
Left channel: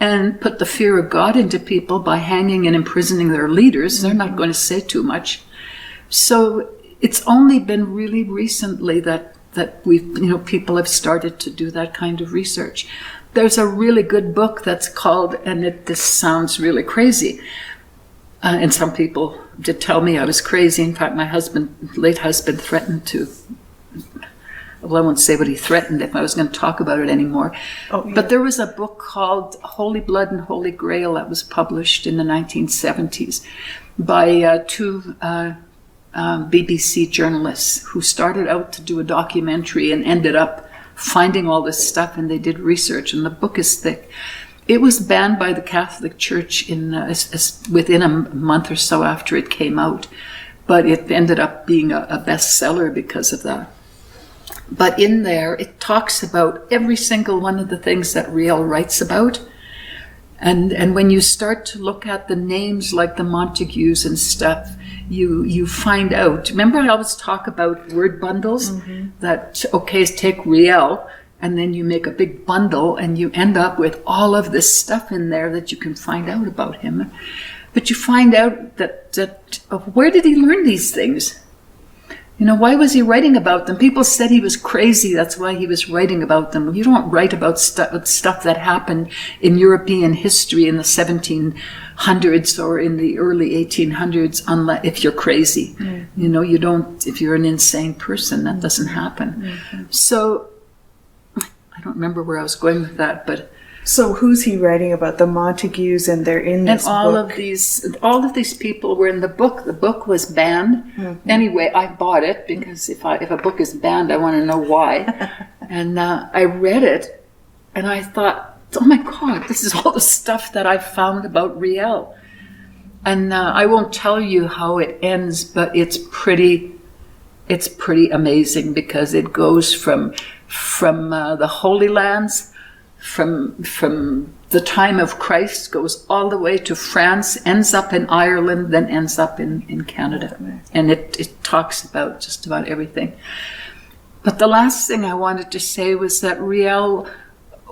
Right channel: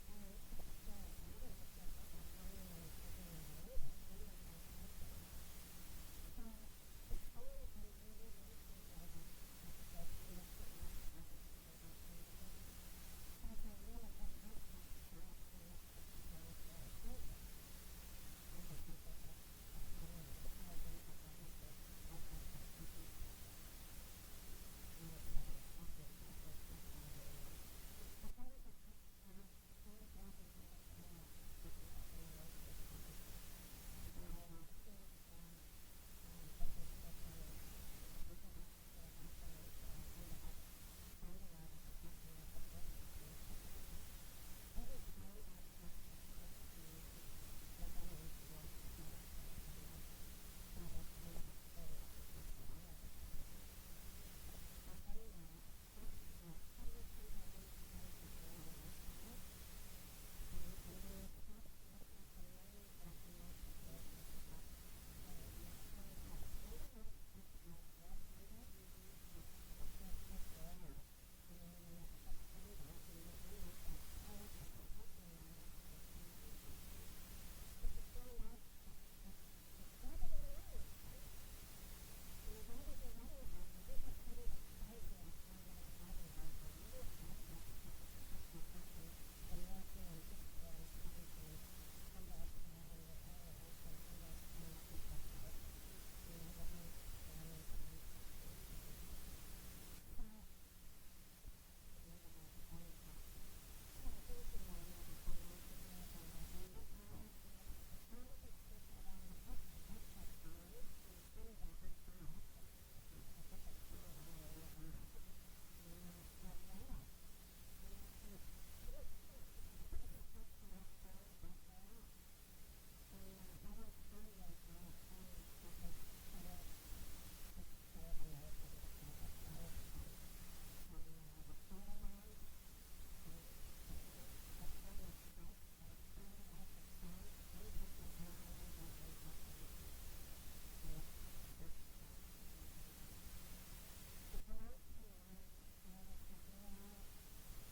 and put the fear of God into people by hanging and imprisoning their leaders. They're not going to say too much. So it's only been really recently that people have started to do that kind of research. There's a really good book that's called, and this sounds really crazy, and some people did tell me I was crazy. In fact, my late husband threatened to, well, I won't say what he threatened if I was going to talk about it anymore. Oh, yeah. But there was a book called Holy Blood and Holy Grail that was published in the 1970s by two BBC journalists who started out to do a documentary and ended up finding all this stuff, and they did research, and the book is thick. It was banned by the Catholic Church within a month or so after it came out, but it ended up being a bestseller because of that. But in there, it talks about every single one of the things that Riel writes about. And when you start to look at the names like the Montagues and stuff, you find out. Remember I always talk about word bundles? That, okay, take Riel, and then you make a big bundle, and you end up with all of this stuff in there that you can find out about him. But you find out that where did he learn these things? Why was he writing about them? People said he was crazy. That's why he was writing about them. You don't write about stuff that happened in European history in the 1700s or in the early 1800s, if you're crazy. You don't, if you're an insane person, that doesn't happen. So I don't remember where I was going with that, but so who's he writing about? The Montagues, and they're in this book. And all of these people were in the book. The book was banned. Anyway, I bought it because if a book is banned, I want to know why. And I read it, and I thought, oh my God, this is all the stuff that I found about Riel. And I won't tell you how it ends, but it's pretty amazing, because it goes from the Holy Lands, from the time of Christ, goes all the way to France, ends up in Ireland, then ends up in Canada. And it talks about just about everything. But the last thing I wanted to say was that Riel,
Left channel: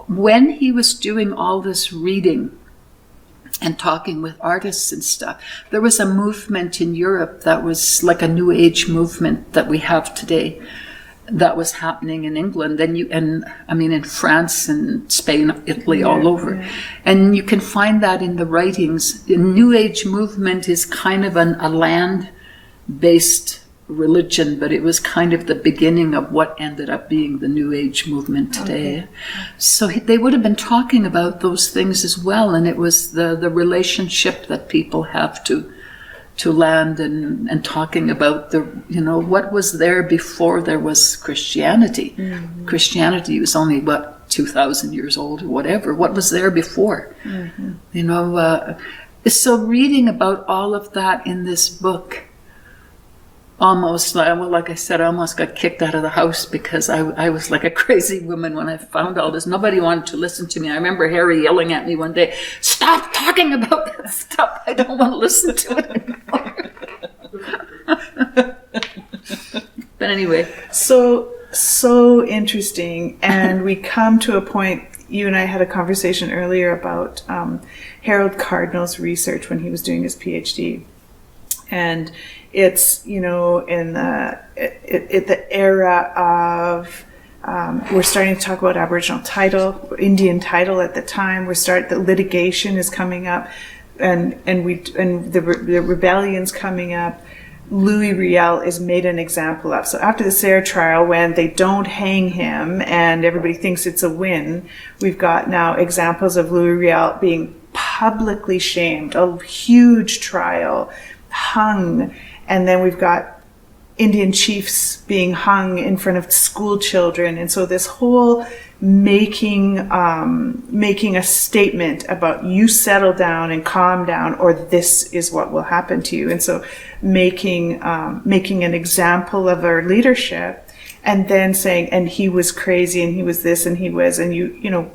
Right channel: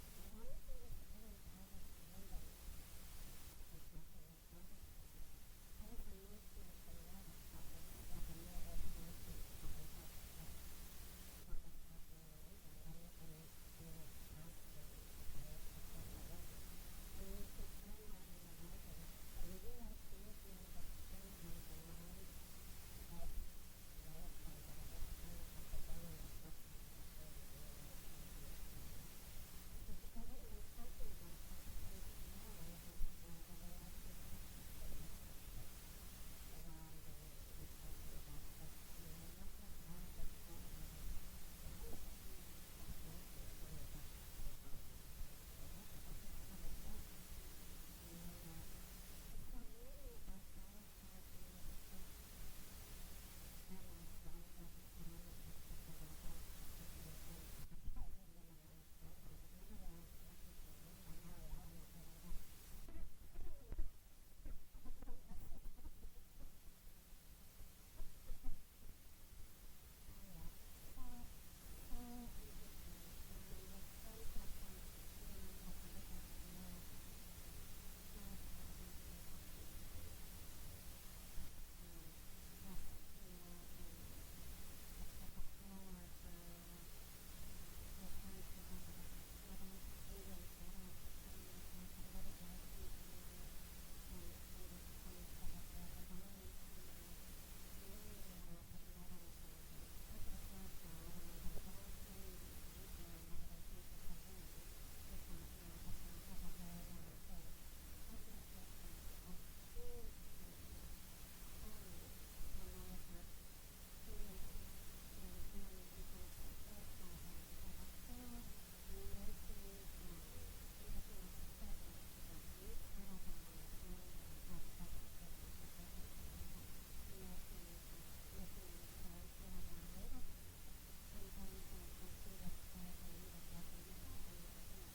when he was doing all this reading and talking with artists and stuff, there was a movement in Europe that was like a New Age movement that we have today, that was happening in England, in France and Spain, Italy, all over. Yeah. And you can find that in the writings. The New Age movement is kind of a land-based religion, but it was kind of the beginning of what ended up being the New Age movement today. Okay. So they would have been talking about those things as well, and it was the relationship that people have to land, and talking about what was there before there was Christianity. Christianity was only 2,000 years old or whatever. What was there before? So reading about all of that in this book, almost, like I said, I almost got kicked out of the house, because I was like a crazy woman when I found all this. Nobody wanted to listen to me. I remember Harry yelling at me one day, "Stop talking about that stuff. I don't want to listen to it anymore." But anyway. So interesting. And we come to a point, you and I had a conversation earlier about Harold Cardinal's research when he was doing his PhD. And it's, in the era of, we're starting to talk about Aboriginal title, Indian title at the time. The litigation is coming up, and the rebellion's coming up. Louis Riel is made an example of. So after the Sayre trial, when they don't hang him and everybody thinks it's a win, we've got now examples of Louis Riel being publicly shamed, a huge trial, hung, and then we've got Indian chiefs being hung in front of school children. And so this whole making a statement about you settle down and calm down, or this is what will happen to you. And so making an example of our leadership, and then saying, and he was crazy, and he was this, and he was, and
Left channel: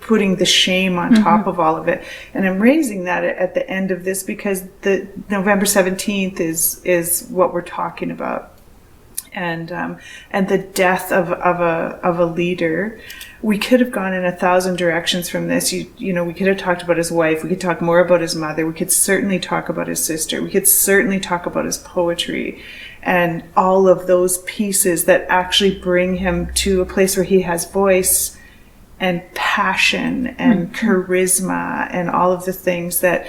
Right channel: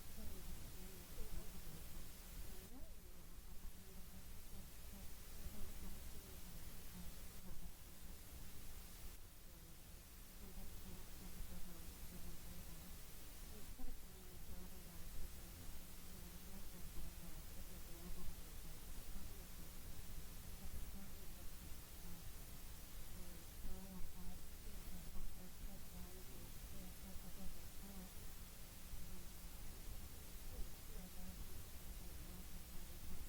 putting the shame on top of all of it. And I'm raising that at the end of this because the November 17th is what we're talking about, and the death of a leader. We could have gone in 1,000 directions from this. We could have talked about his wife. We could talk more about his mother. We could certainly talk about his sister. We could certainly talk about his poetry and all of those pieces that actually bring him to a place where he has voice and passion and charisma and all of the things that,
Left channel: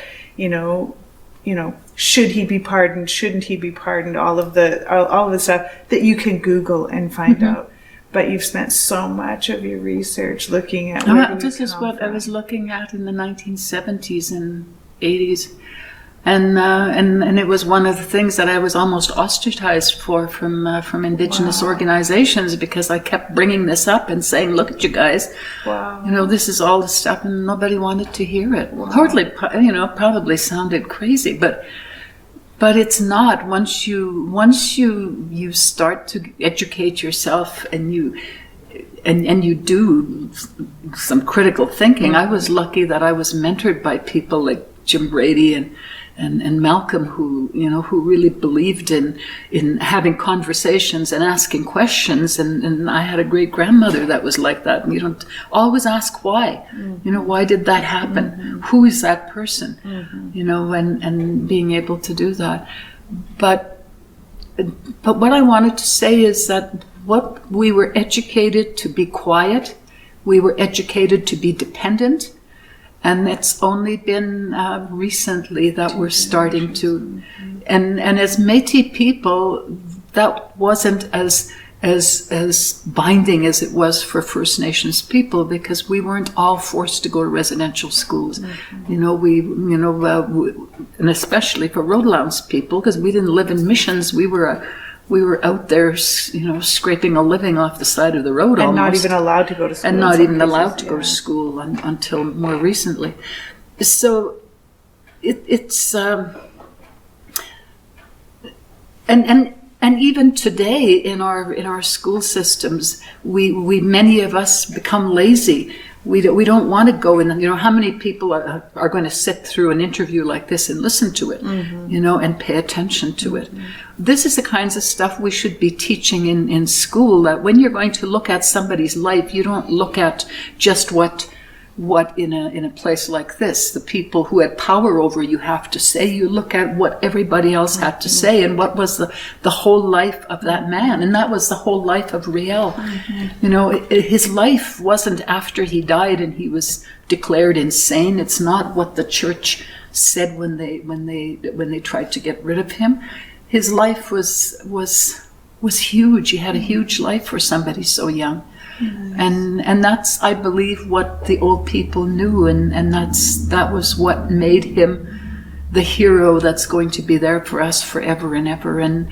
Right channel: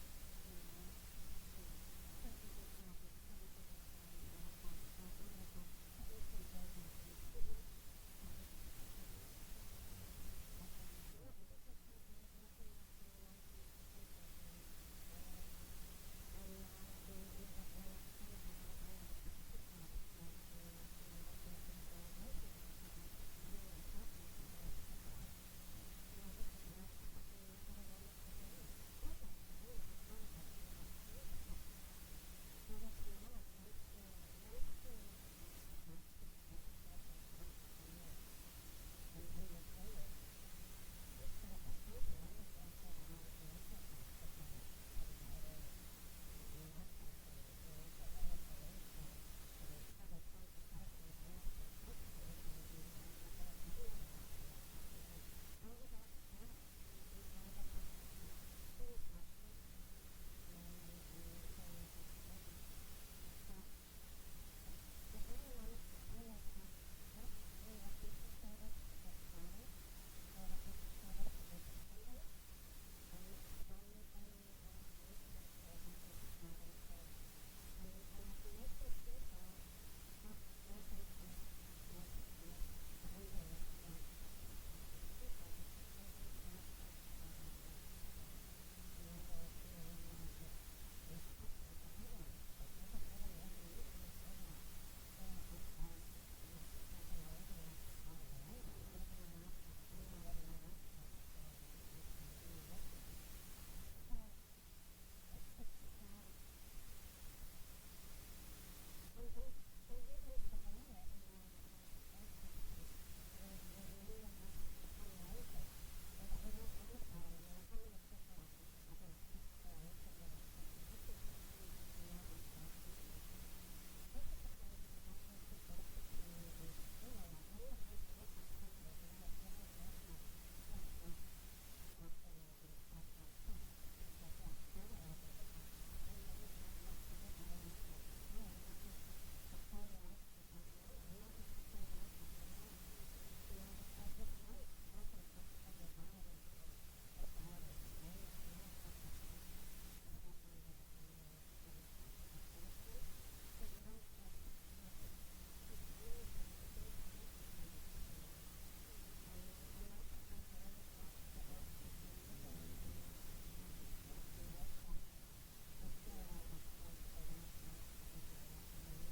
should he be pardoned? Shouldn't he be pardoned? All of the stuff that you can Google and find out. But you've spent so much of your research looking at. This is what I was looking at in the 1970s and 80s, and it was one of the things that I was almost ostracized from Indigenous organizations, because I kept bringing this up and saying, "Look at you guys, this is all the stuff," and nobody wanted to hear it. Wow. Probably sounded crazy, but it's not. Once you start to educate yourself and you do some critical thinking. I was lucky that I was mentored by people like Jim Brady and Malcolm, who really believed in having conversations and asking questions. And I had a great grandmother that was like that. And you don't always ask why. Why did that happen? Who is that person? And being able to do that. But what I wanted to say is that what we were educated to be quiet, we were educated to be dependent. And it's only been recently that we're starting to, and as Métis people, that wasn't as binding as it was for First Nations people, because we weren't all forced to go to residential schools. And especially for Roadlands people, because we didn't live in missions, we were out there, scraping a living off the side of the road, and almost. not even allowed to go to school. And not even allowed to go to school until more recently. So it's and even today in our school systems, we many of us become lazy. We don't want to go in. How many people are going to sit through an interview like this and listen to it, and pay attention to it. This is the kinds of stuff we should be teaching in school, that when you're going to look at somebody's life, you don't look at just what in a place like this, the people who had power over you have to say. You look at what everybody else had to say, and what was the whole life of that man. And that was the whole life of Riel. His life wasn't after he died and he was declared insane. It's not what the church said when they tried to get rid of him. His life was huge. He had a huge life for somebody so young. And that's, I believe, what the old people knew, and that was what made him the hero that's going to be there for us forever and ever. And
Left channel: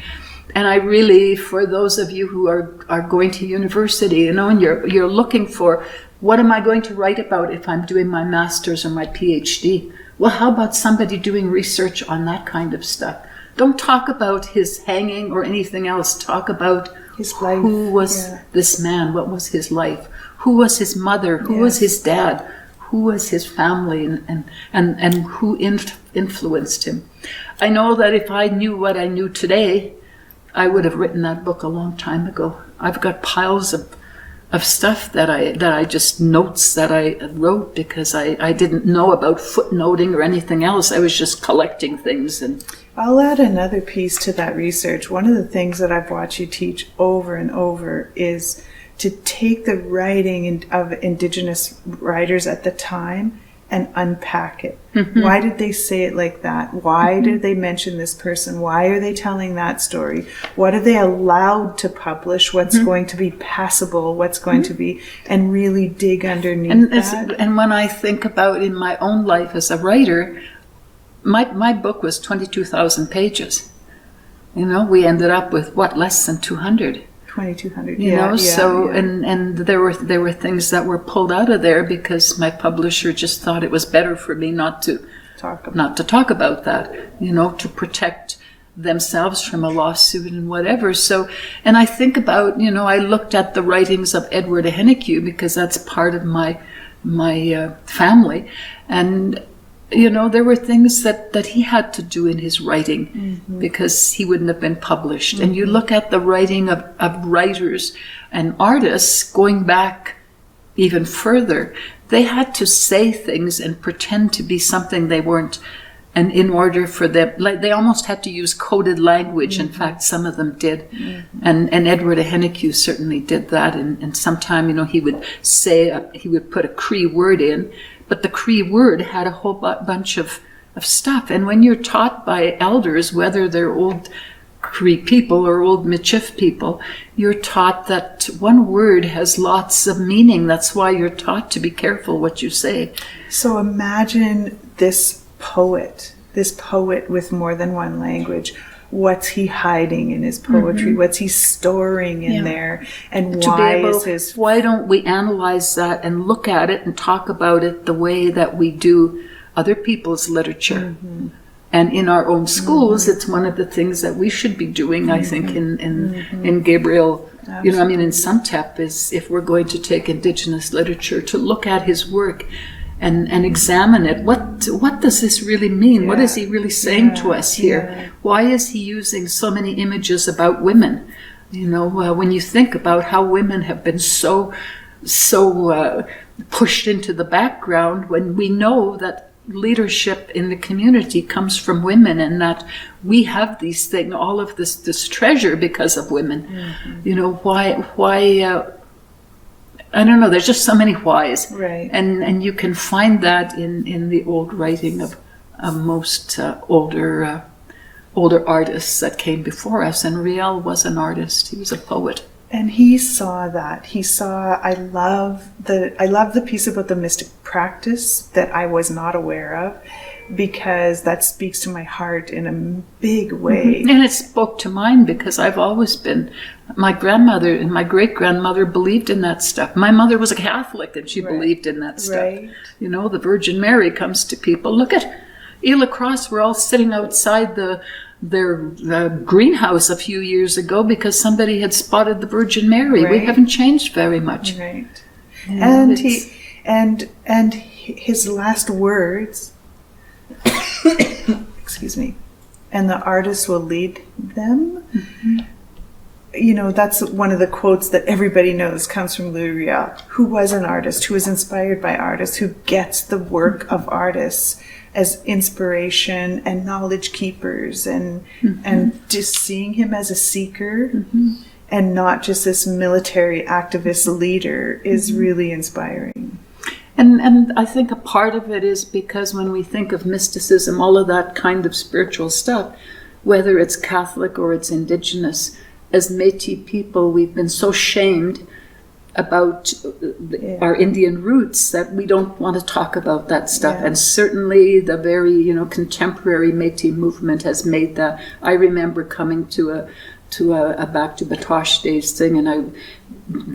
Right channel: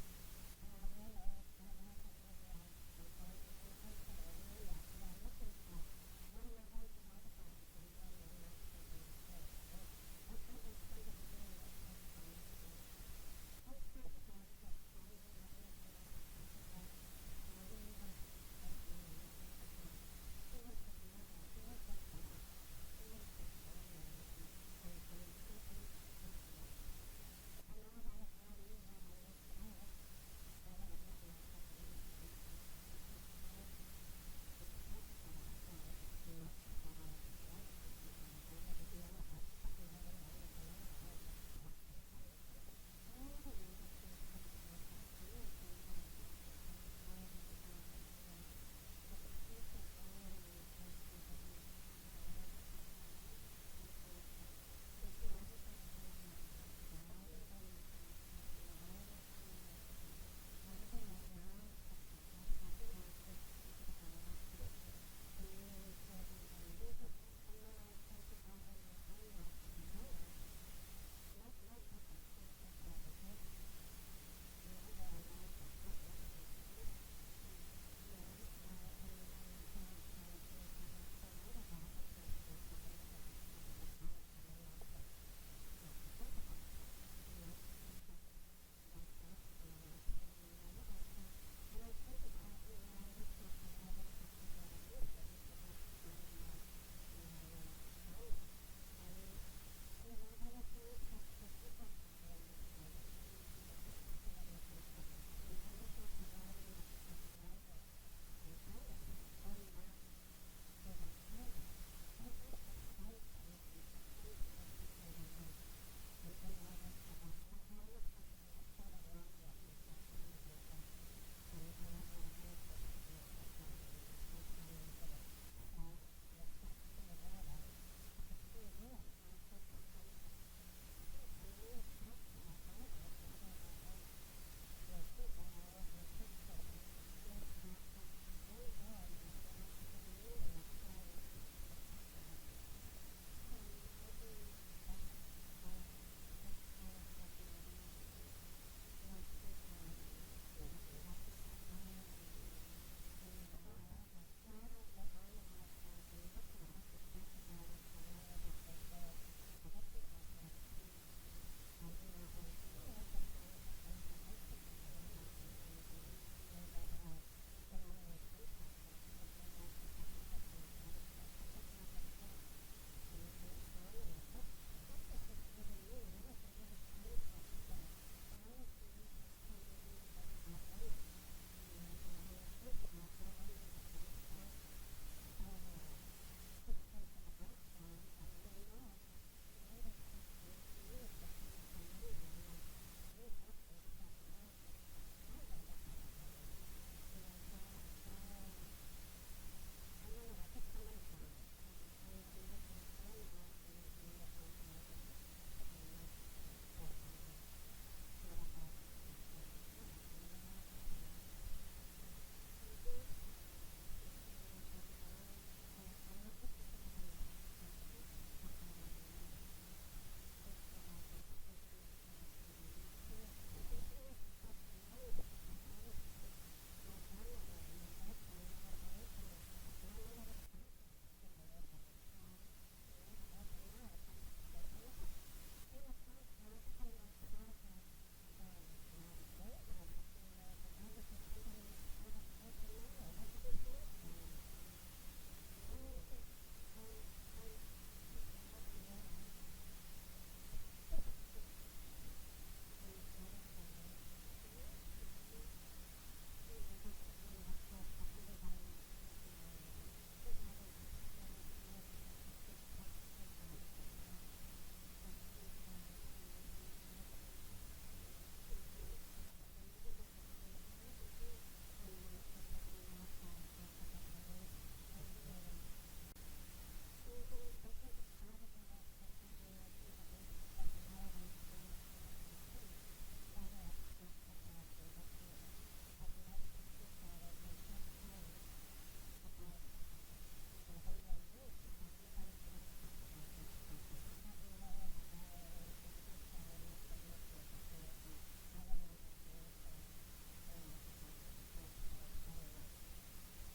I really, for those of you who are going to university, and you're looking for, what am I going to write about if I'm doing my master's or my PhD? Well, how about somebody doing research on that kind of stuff? Don't talk about his hanging or anything else. Talk about his life. Who was this man? What was his life? Who was his mother? Who was his dad? Who was his family? And who influenced him? I know that if I knew what I knew today, I would have written that book a long time ago. I've got piles of stuff that I just notes that I wrote because I didn't know about footnoting or anything else. I was just collecting things. And I'll add another piece to that research. One of the things that I've watched you teach over and over is to take the writing of Indigenous writers at the time and unpack it. Why did they say it like that? Why did they mention this person? Why are they telling that story? What are they allowed to publish? What's going to be passable? What's going to be, and really dig underneath that. And when I think about in my own life as a writer, my book was 22,000 pages. You know, we ended up with less than 200. 2,200. You know, and there were things that were pulled out of there because my publisher just thought it was better for me not to talk about that, you know, to protect themselves from a lawsuit and whatever. So, and I think about, you know, I looked at the writings of Edward Hennique because that's part of my family, and you know, there were things that he had to do in his writing because he wouldn't have been published. And you look at the writing of writers and artists going back even further, they had to say things and pretend to be something they weren't. And in order for them, like they almost had to use coded language. In fact, some of them did. And Edward Hennique certainly did that. And sometime, you know, he would put a Cree word in, but the Cree word had a whole bunch of stuff. And when you're taught by elders, whether they're old Cree people or old Michif people, you're taught that one word has lots of meaning. That's why you're taught to be careful what you say. So imagine this poet with more than one language. What's he hiding in his poetry? What's he storing in there? And why don't we analyze that and look at it and talk about it the way that we do other people's literature? And in our own schools, it's one of the things that we should be doing, I think, in Gabriel. Absolutely. You know, I mean, in Sumtep, is if we're going to take Indigenous literature, to look at his work and examine it. What does this really mean? What is he really saying to us here? Why is he using so many images about women? You know, when you think about how women have been so pushed into the background, when we know that leadership in the community comes from women, and that we have these things, all of this treasure because of women. You know, why I don't know, there's just so many whys. Right. And you can find that in the old writing of most older artists that came before us. And Riel was an artist, he was a poet. And he saw that. He saw, I love the piece about the mystic practice that I was not aware of, because that speaks to my heart in a big way. And it spoke to mine because I've always been, my grandmother and my great-grandmother believed in that stuff. My mother was a Catholic and she believed in that stuff. Right. You know, the Virgin Mary comes to people. Look at Ela Cross, we're all sitting outside their greenhouse a few years ago because somebody had spotted the Virgin Mary. We haven't changed very much. Right. And and his last words, excuse me, and the artist will lead them. You know, that's one of the quotes that everybody knows comes from Louis Riel, who was an artist, who was inspired by artists, who gets the work of artists as inspiration and knowledge keepers, and just seeing him as a seeker and not just this military activist leader is really inspiring. And I think a part of it is because when we think of mysticism, all of that kind of spiritual stuff, whether it's Catholic or it's Indigenous, as Métis people, we've been so shamed about our Indian roots that we don't want to talk about that stuff. And certainly the very, you know, contemporary Métis movement has made that. I remember coming to a Back to Batoche Days thing, and I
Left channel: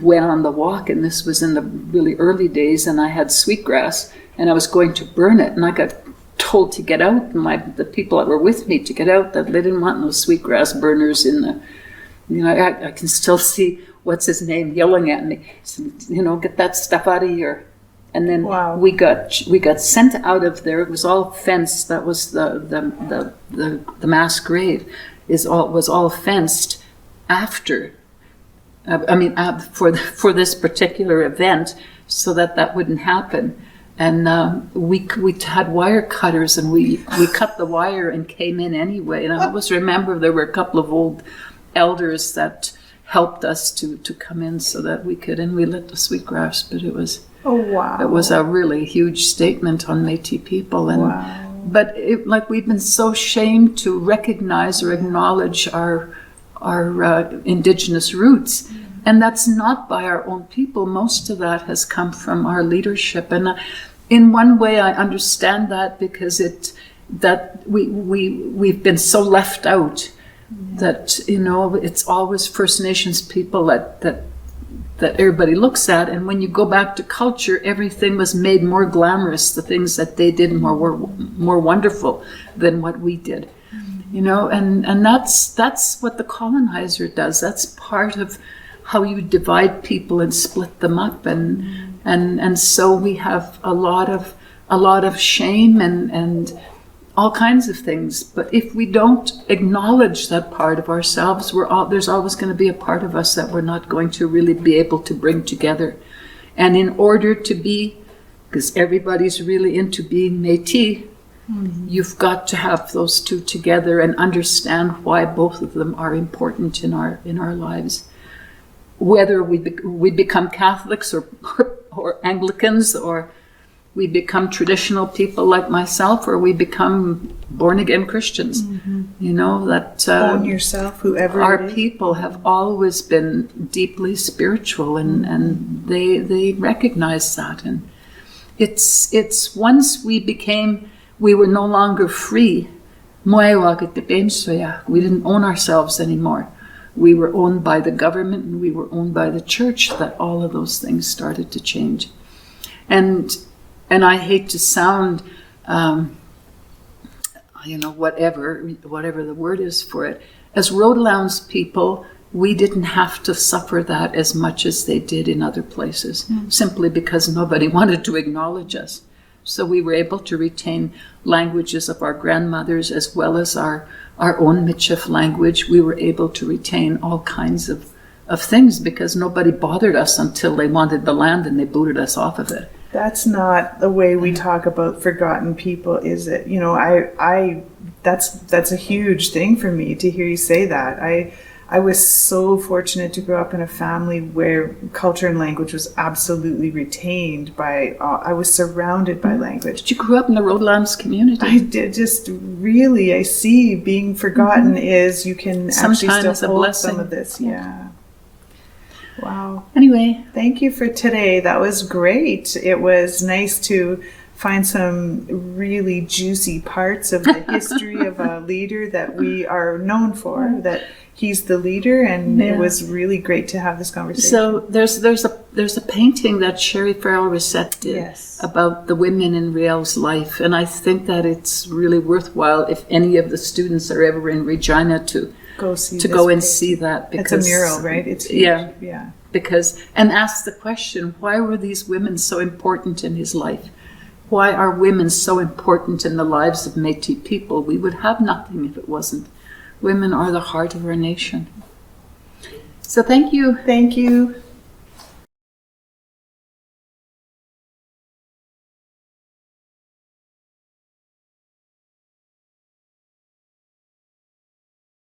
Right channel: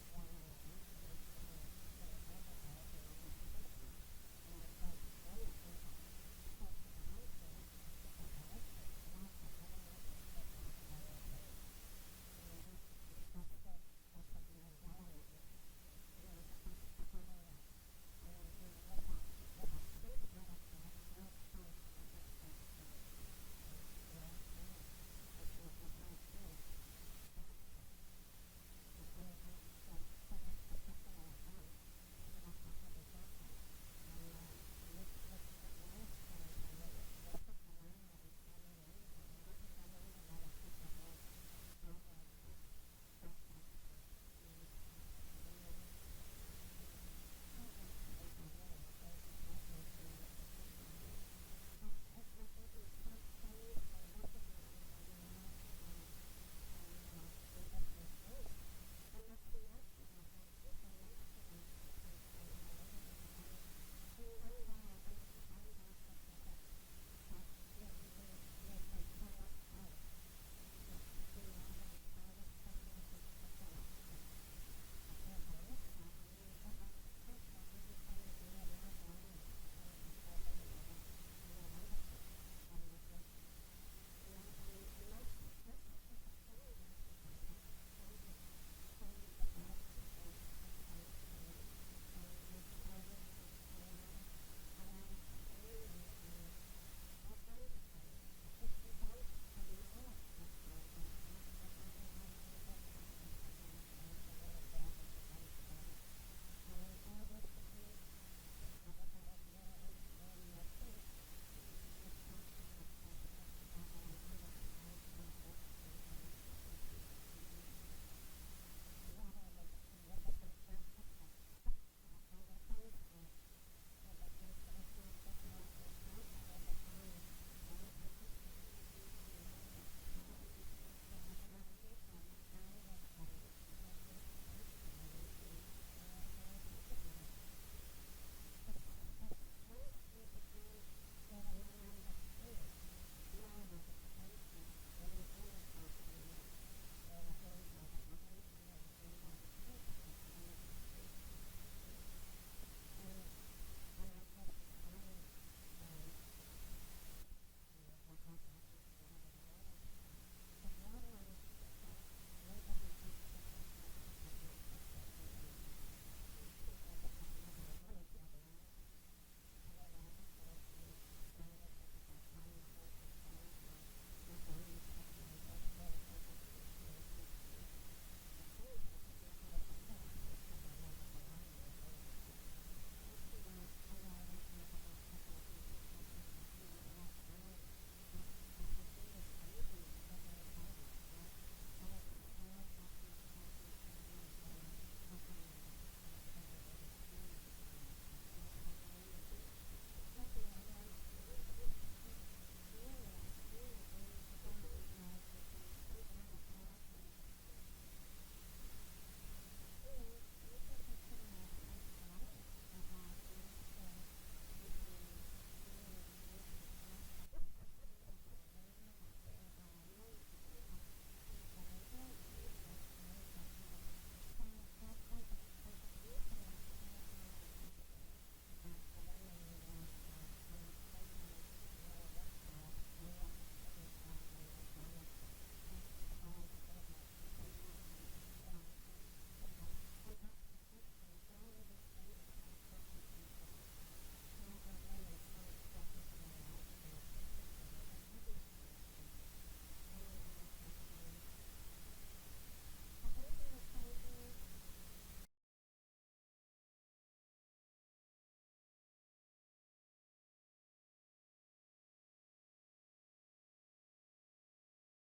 went on the walk, and this was in the really early days, and I had sweetgrass, and I was going to burn it, and I got told to get out, and the people that were with me to get out, that they didn't want no sweetgrass burners in the, you know, I can still see what's his name yelling at me, you know, get that stuff out of here. And then we got sent out of there. It was all fenced. That was the mass grave was all fenced after. For this particular event, so that wouldn't happen. And we had wire cutters, and we cut the wire and came in anyway. And I always remember there were a couple of old elders that helped us to come in so that we could, and we lit the sweetgrass. But it was Oh, wow. It was a really huge statement on Métis people. And Wow. but we've been so shamed to recognize or acknowledge our Indigenous roots. And that's not by our own people. Most of that has come from our leadership. And in one way, I understand that because we've been so left out that, it's always First Nations people that everybody looks at. And when you go back to culture, everything was made more glamorous. The things that they did were more wonderful than what we did. And that's what the colonizer does. That's part of how you divide people and split them up, and so we have a lot of shame and all kinds of things. But if we don't acknowledge that part of ourselves, there's always going to be a part of us that we're not going to really be able to bring together. And in order to be, because everybody's really into being Métis, you've got to have those two together and understand why both of them are important in our lives. Whether we become Catholics or Anglicans, or we become traditional people like myself, or we become born-again Christians. That own yourself, whoever our it is. people have always been deeply spiritual, and they recognize that. And it's once we were no longer free. We didn't own ourselves anymore. We were owned by the government and we were owned by the church, that all of those things started to change. And I hate to sound, whatever the word is for it. As Rhodlands people, we didn't have to suffer that as much as they did in other places, simply because nobody wanted to acknowledge us. So we were able to retain languages of our grandmothers as well as our own Michif language. We were able to retain all kinds of things because nobody bothered us until they wanted the land and they booted us off of it. That's not the way we talk about forgotten people, is it? That's a huge thing for me to hear you say that. I was so fortunate to grow up in a family where culture and language was absolutely retained by, I was surrounded by language. Did you grow up in the Rhodlands community? I did. I see being forgotten is, you can Sometimes actually a still hold blessing. some of this. Yeah. Wow. Anyway. Thank you for today. That was great. It was nice to find some really juicy parts of the history of a leader that we are known for, that he's the leader, and it was really great to have this conversation. So there's a painting that Sherry Farrell-Rosette did about the women in Riel's life, and I think that it's really worthwhile if any of the students are ever in Regina to go and see that. Because it's a mural, right? It's huge. Yeah. And ask the question, why were these women so important in his life? Why are women so important in the lives of Métis people? We would have nothing if it wasn't. Women are the heart of our nation. So thank you. Thank you.